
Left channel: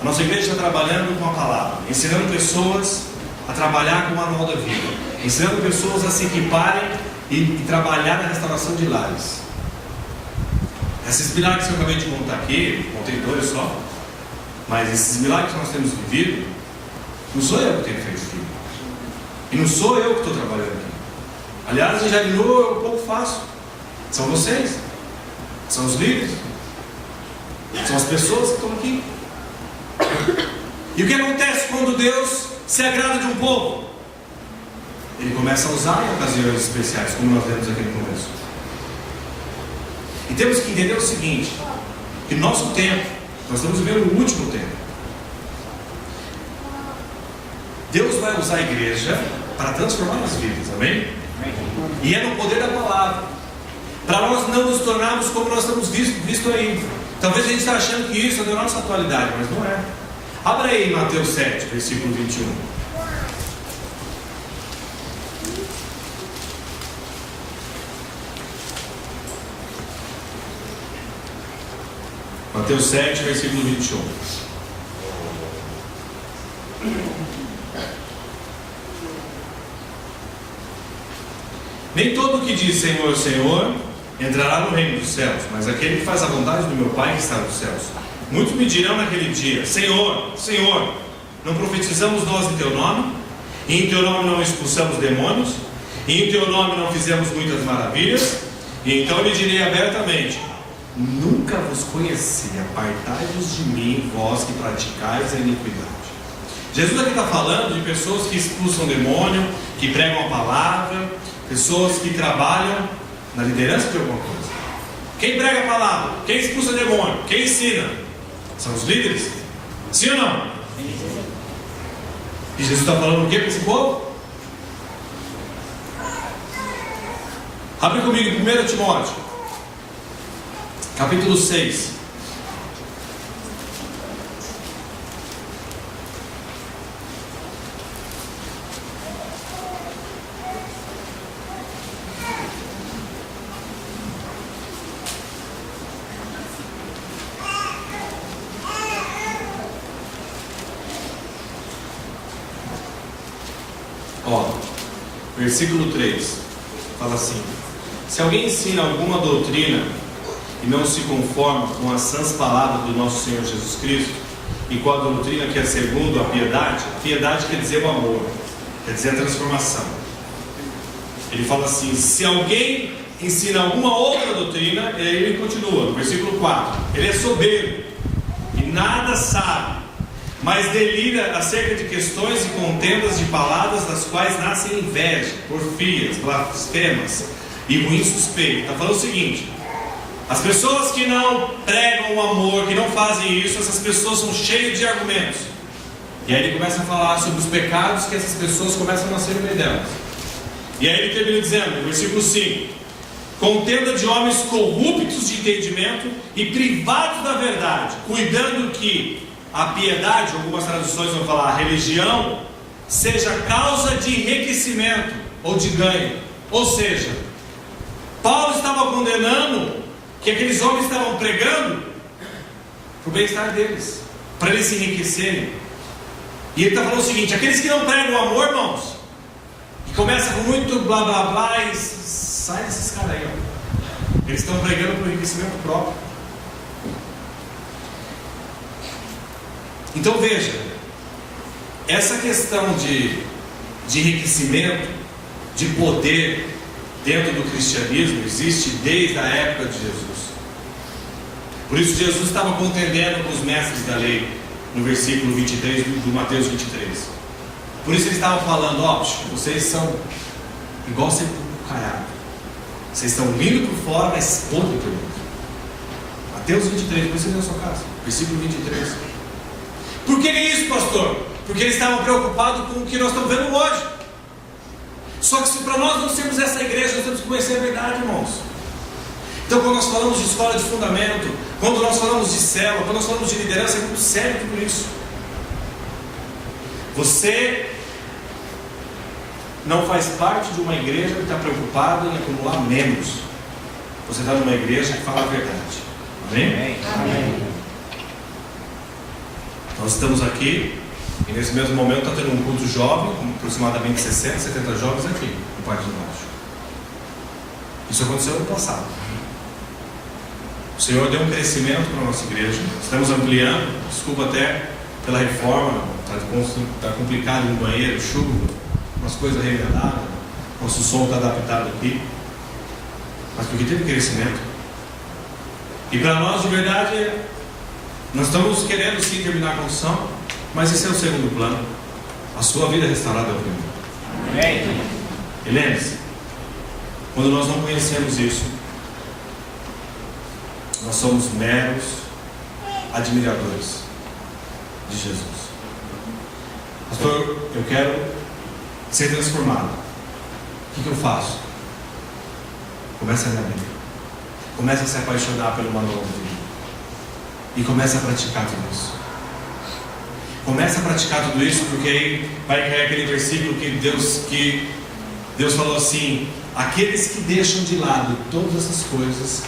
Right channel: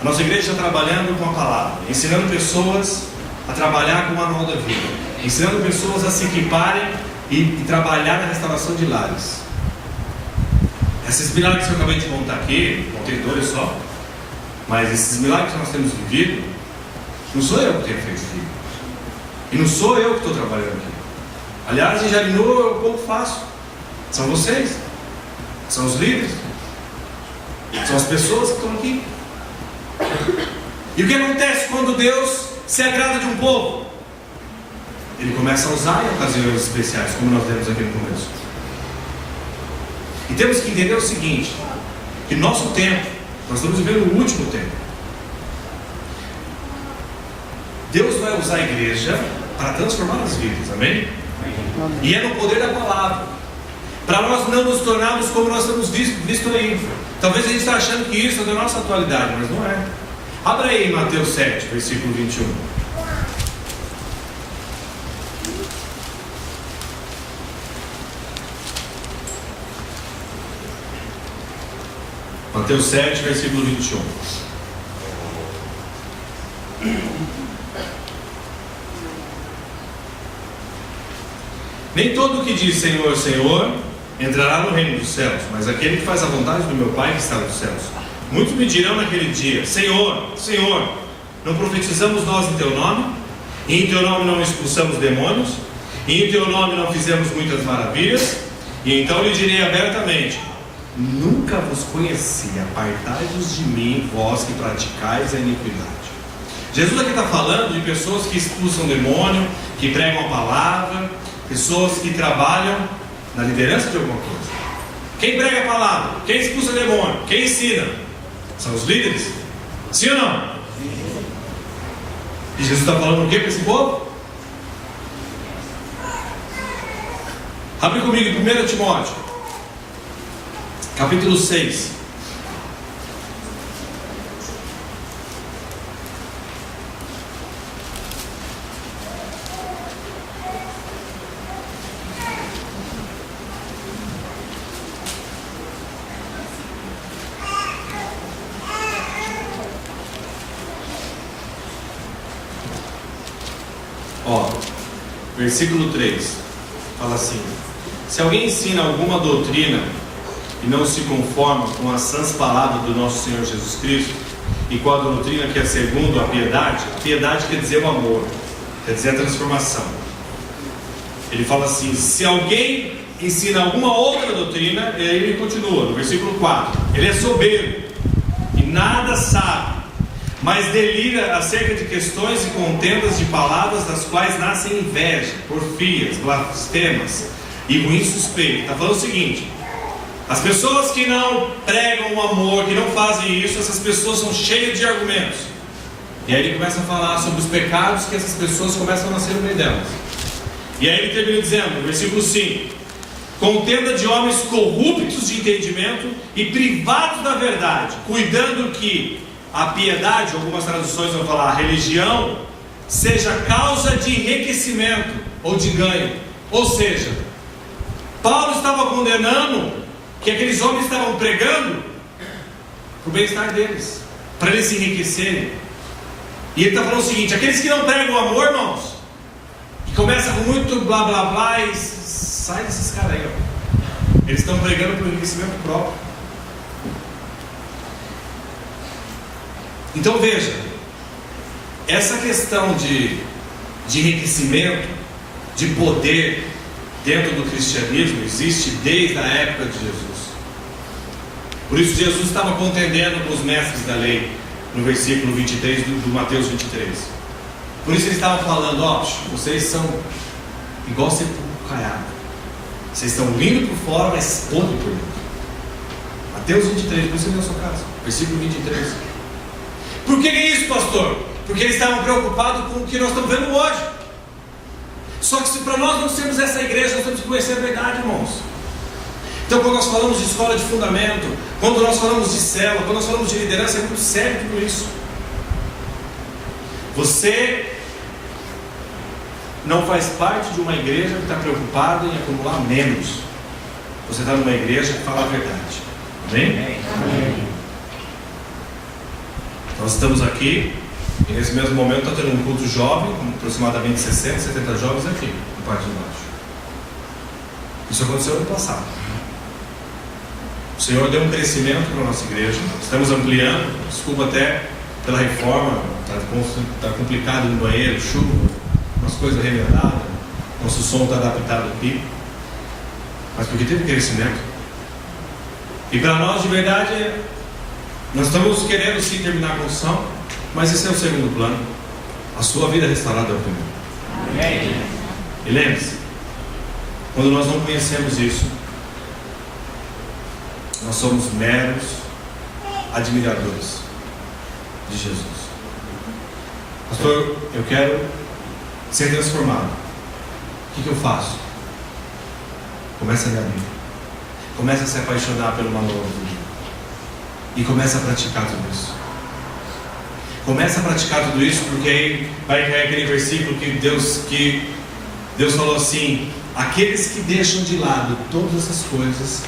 A nossa igreja está trabalhando com a palavra, ensinando pessoas a trabalhar com o manual da vida, ensinando pessoas a se equiparem e trabalhar na restauração de lares. Esses milagres que eu acabei de contar aqui, contei 2 só, mas esses milagres que nós temos vivido, não sou eu que tenho feito filho, e não sou eu que estou trabalhando aqui. Aliás, em Jarinu eu pouco faço, são vocês, são os líderes, são as pessoas que estão aqui. E o que acontece quando Deus se agrada de um povo? Ele começa a usar em ocasiões especiais, como nós vemos aqui no começo. E temos que entender o seguinte: que nosso tempo, nós estamos vivendo o último tempo. Deus vai usar a igreja para transformar as vidas, amém? E é no poder da palavra, para nós não nos tornarmos como nós estamos visto aí. Talvez a gente está achando que isso é da nossa atualidade, mas não é. Abra aí Mateus 7, versículo 21. Mateus 7, versículo 21. Nem todo o que diz Senhor, Senhor entrará no reino dos céus, mas aquele que faz a vontade do meu Pai que está nos céus. Muitos me dirão naquele dia: Senhor, Senhor, não profetizamos nós em Teu nome? E em Teu nome não expulsamos demônios? E em Teu nome não fizemos muitas maravilhas? E então lhe direi abertamente: nunca vos conheci, apartai-vos de mim, vós que praticais a iniquidade. Jesus aqui está falando de pessoas que expulsam demônio, que pregam a palavra, pessoas que trabalham na liderança de alguma coisa. Quem prega a palavra? Quem expulsa demônio? Quem ensina? São os líderes? Sim ou não? E Jesus está falando o que para esse povo? Abre comigo em 1 Timóteo capítulo 6. Versículo 3 fala assim: se alguém ensina alguma doutrina e não se conforma com as sãs palavras do nosso Senhor Jesus Cristo e com a doutrina que é segundo a piedade quer dizer o amor, quer dizer a transformação. Ele fala assim: se alguém ensina alguma outra doutrina, ele continua no versículo 4: ele é soberbo e nada sabe, mas delira acerca de questões e contendas de palavras, das quais nascem inveja, porfias, blasfemas e ruim suspeito. Está falando o seguinte: as pessoas que não pregam o amor, que não fazem isso, essas pessoas são cheias de argumentos. E aí ele começa a falar sobre os pecados que essas pessoas começam a nascer no meio delas. E aí ele termina dizendo, no versículo 5: contenda de homens corruptos de entendimento e privados da verdade, cuidando que a piedade, algumas traduções vão falar a religião, seja causa de enriquecimento ou de ganho. Ou seja, Paulo estava condenando que aqueles homens estavam pregando para o bem-estar deles, para eles se enriquecerem. E ele está falando o seguinte: aqueles que não pregam o amor, irmãos, e começa com muito blá blá blá, e sai desses caras aí, ó. Eles estão pregando para o enriquecimento próprio. Então veja, essa questão de enriquecimento, de poder dentro do cristianismo existe desde a época de Jesus. Por isso Jesus estava contendendo com os mestres da lei no versículo 23 do Mateus 23. Por isso ele estava falando: ó, vocês são igual sepulcro caiado, vocês estão lindo por fora, mas podre por dentro. Mateus 23, depois você lê na sua casa, versículo 23. Por que é isso, pastor? Porque eles estavam preocupados com o que nós estamos vendo hoje. Só que se para nós não sermos essa igreja, nós temos que conhecer a verdade, irmãos. Então, quando nós falamos de escola de fundamento, quando nós falamos de célula, quando nós falamos de liderança, é muito sério tudo isso. Você não faz parte de uma igreja que está preocupada em acumular membros. Você está numa igreja que fala a verdade. Amém? Amém. Nós estamos aqui, e nesse mesmo momento está tendo um culto jovem, com aproximadamente 60, 70 jovens aqui, no parte de baixo. Isso aconteceu no passado. O Senhor deu um crescimento para a nossa igreja. Estamos ampliando. Desculpa até pela reforma. Está complicado no banheiro, chuva, umas coisas remendadas. Nosso som está adaptado aqui. Mas porque teve crescimento. E para nós, de verdade, nós estamos querendo sim terminar a construção, mas esse é o segundo plano. A sua vida restaurada é o primeiro. Amém. E lembre-se, quando nós não conhecemos isso, nós somos meros admiradores de Jesus. Pastor, eu quero ser transformado. O que eu faço? Começa a ler a Bíblia. Começa a se apaixonar pelo manual de vida. E começa a praticar tudo isso. Começa a praticar tudo isso, porque aí vai cair aquele versículo que Deus falou assim: aqueles que deixam de lado todas essas coisas,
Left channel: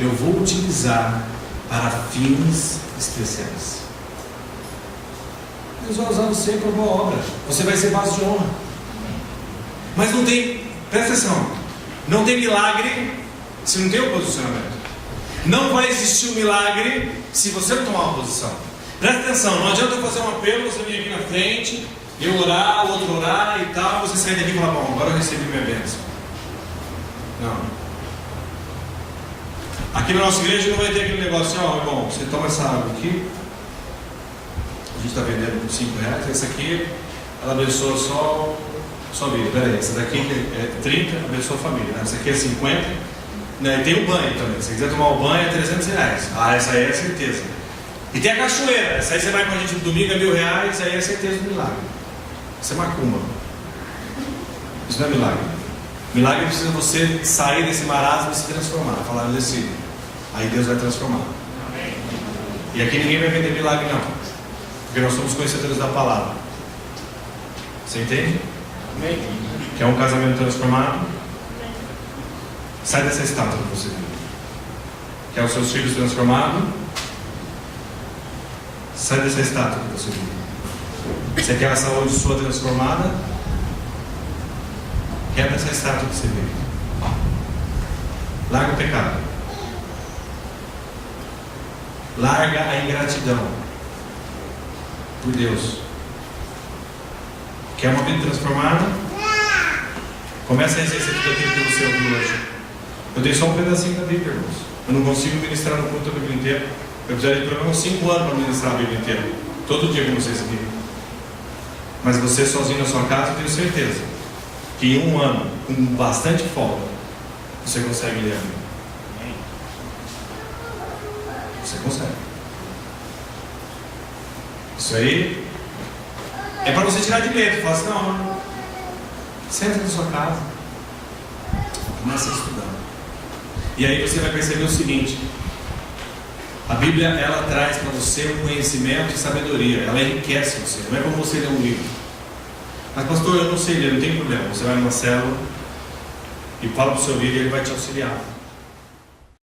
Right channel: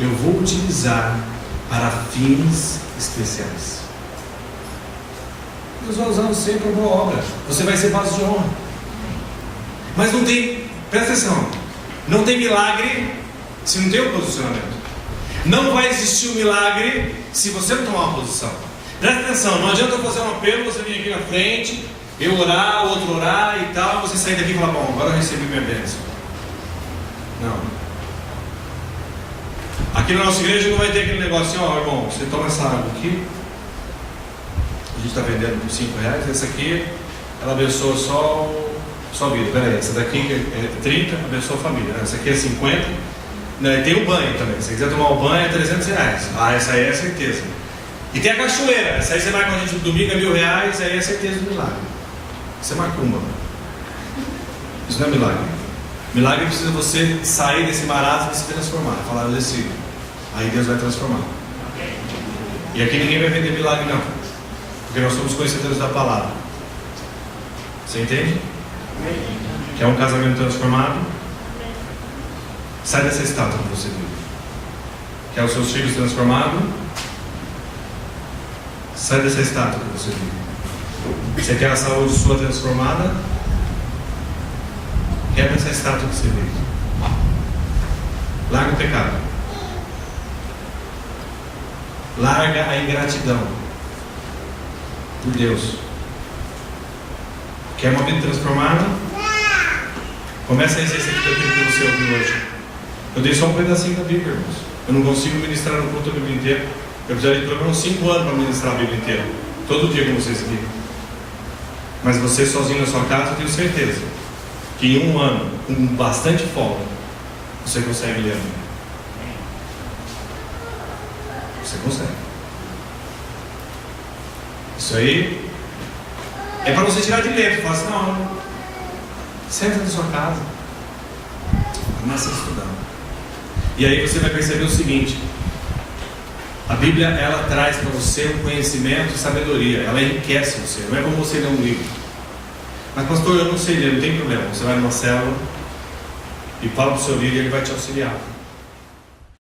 eu vou utilizar para fins especiais. Deus vai usar você para uma obra. Você vai ser vaso de honra. Mas não tem, presta atenção, não tem milagre se não tem um posicionamento. Não vai existir um milagre se você não tomar uma posição. Presta atenção, não adianta eu fazer um apelo, você vir aqui na frente, eu orar, o outro orar e tal, você sair daqui e falar: bom, agora eu recebi minha bênção. Não. Aqui na nossa igreja não vai ter aquele negócio assim: ó, irmão, você toma essa água aqui, a gente está vendendo por R$5, essa aqui, ela abençoa só vida. Peraí, essa daqui é 30, abençoa a família, né? Essa aqui é 50, né? Tem o banho também, se você quiser tomar o banho é R$300. Ah, essa aí é certeza. E tem a cachoeira, essa aí você vai com a gente no domingo, é R$1.000, aí é certeza do milagre. Isso é macumba. Isso não é milagre. Milagre precisa você sair desse marasmo e se transformar. Falar: eu decido. Aí Deus vai transformar. E aqui ninguém vai vender milagre não, porque nós somos conhecedores da palavra. Você entende? Quer um casamento transformado? Sai dessa estátua que você vive. Quer os seus filhos transformados? Sai dessa estátua que você vive. Você quer a saúde sua transformada? Quebra essa estátua que você vive. Larga o pecado. Larga a ingratidão por Deus. Quer uma vida transformada? Começa a exercer aquilo que você ouviu hoje. Eu dei só um pedacinho da Bíblia, irmãos. Eu não consigo ministrar no culto a Bíblia inteira. Eu precisaria de pelo menos 5 anos para ministrar a Bíblia inteira, todo dia com vocês aqui. Mas você sozinho na sua casa, eu tenho certeza que em 1 ano, com bastante folga, você consegue ler a Bíblia. Você consegue. Isso aí é para você tirar de letra. Fala assim: não, senta na sua casa, começa a estudar. E aí você vai perceber o seguinte: a Bíblia, ela traz para você um conhecimento e sabedoria. Ela enriquece você. Não é como você ler um livro. Mas pastor, eu não sei ler. Não tem problema. Você vai numa célula e fala para o seu líder e ele vai te auxiliar.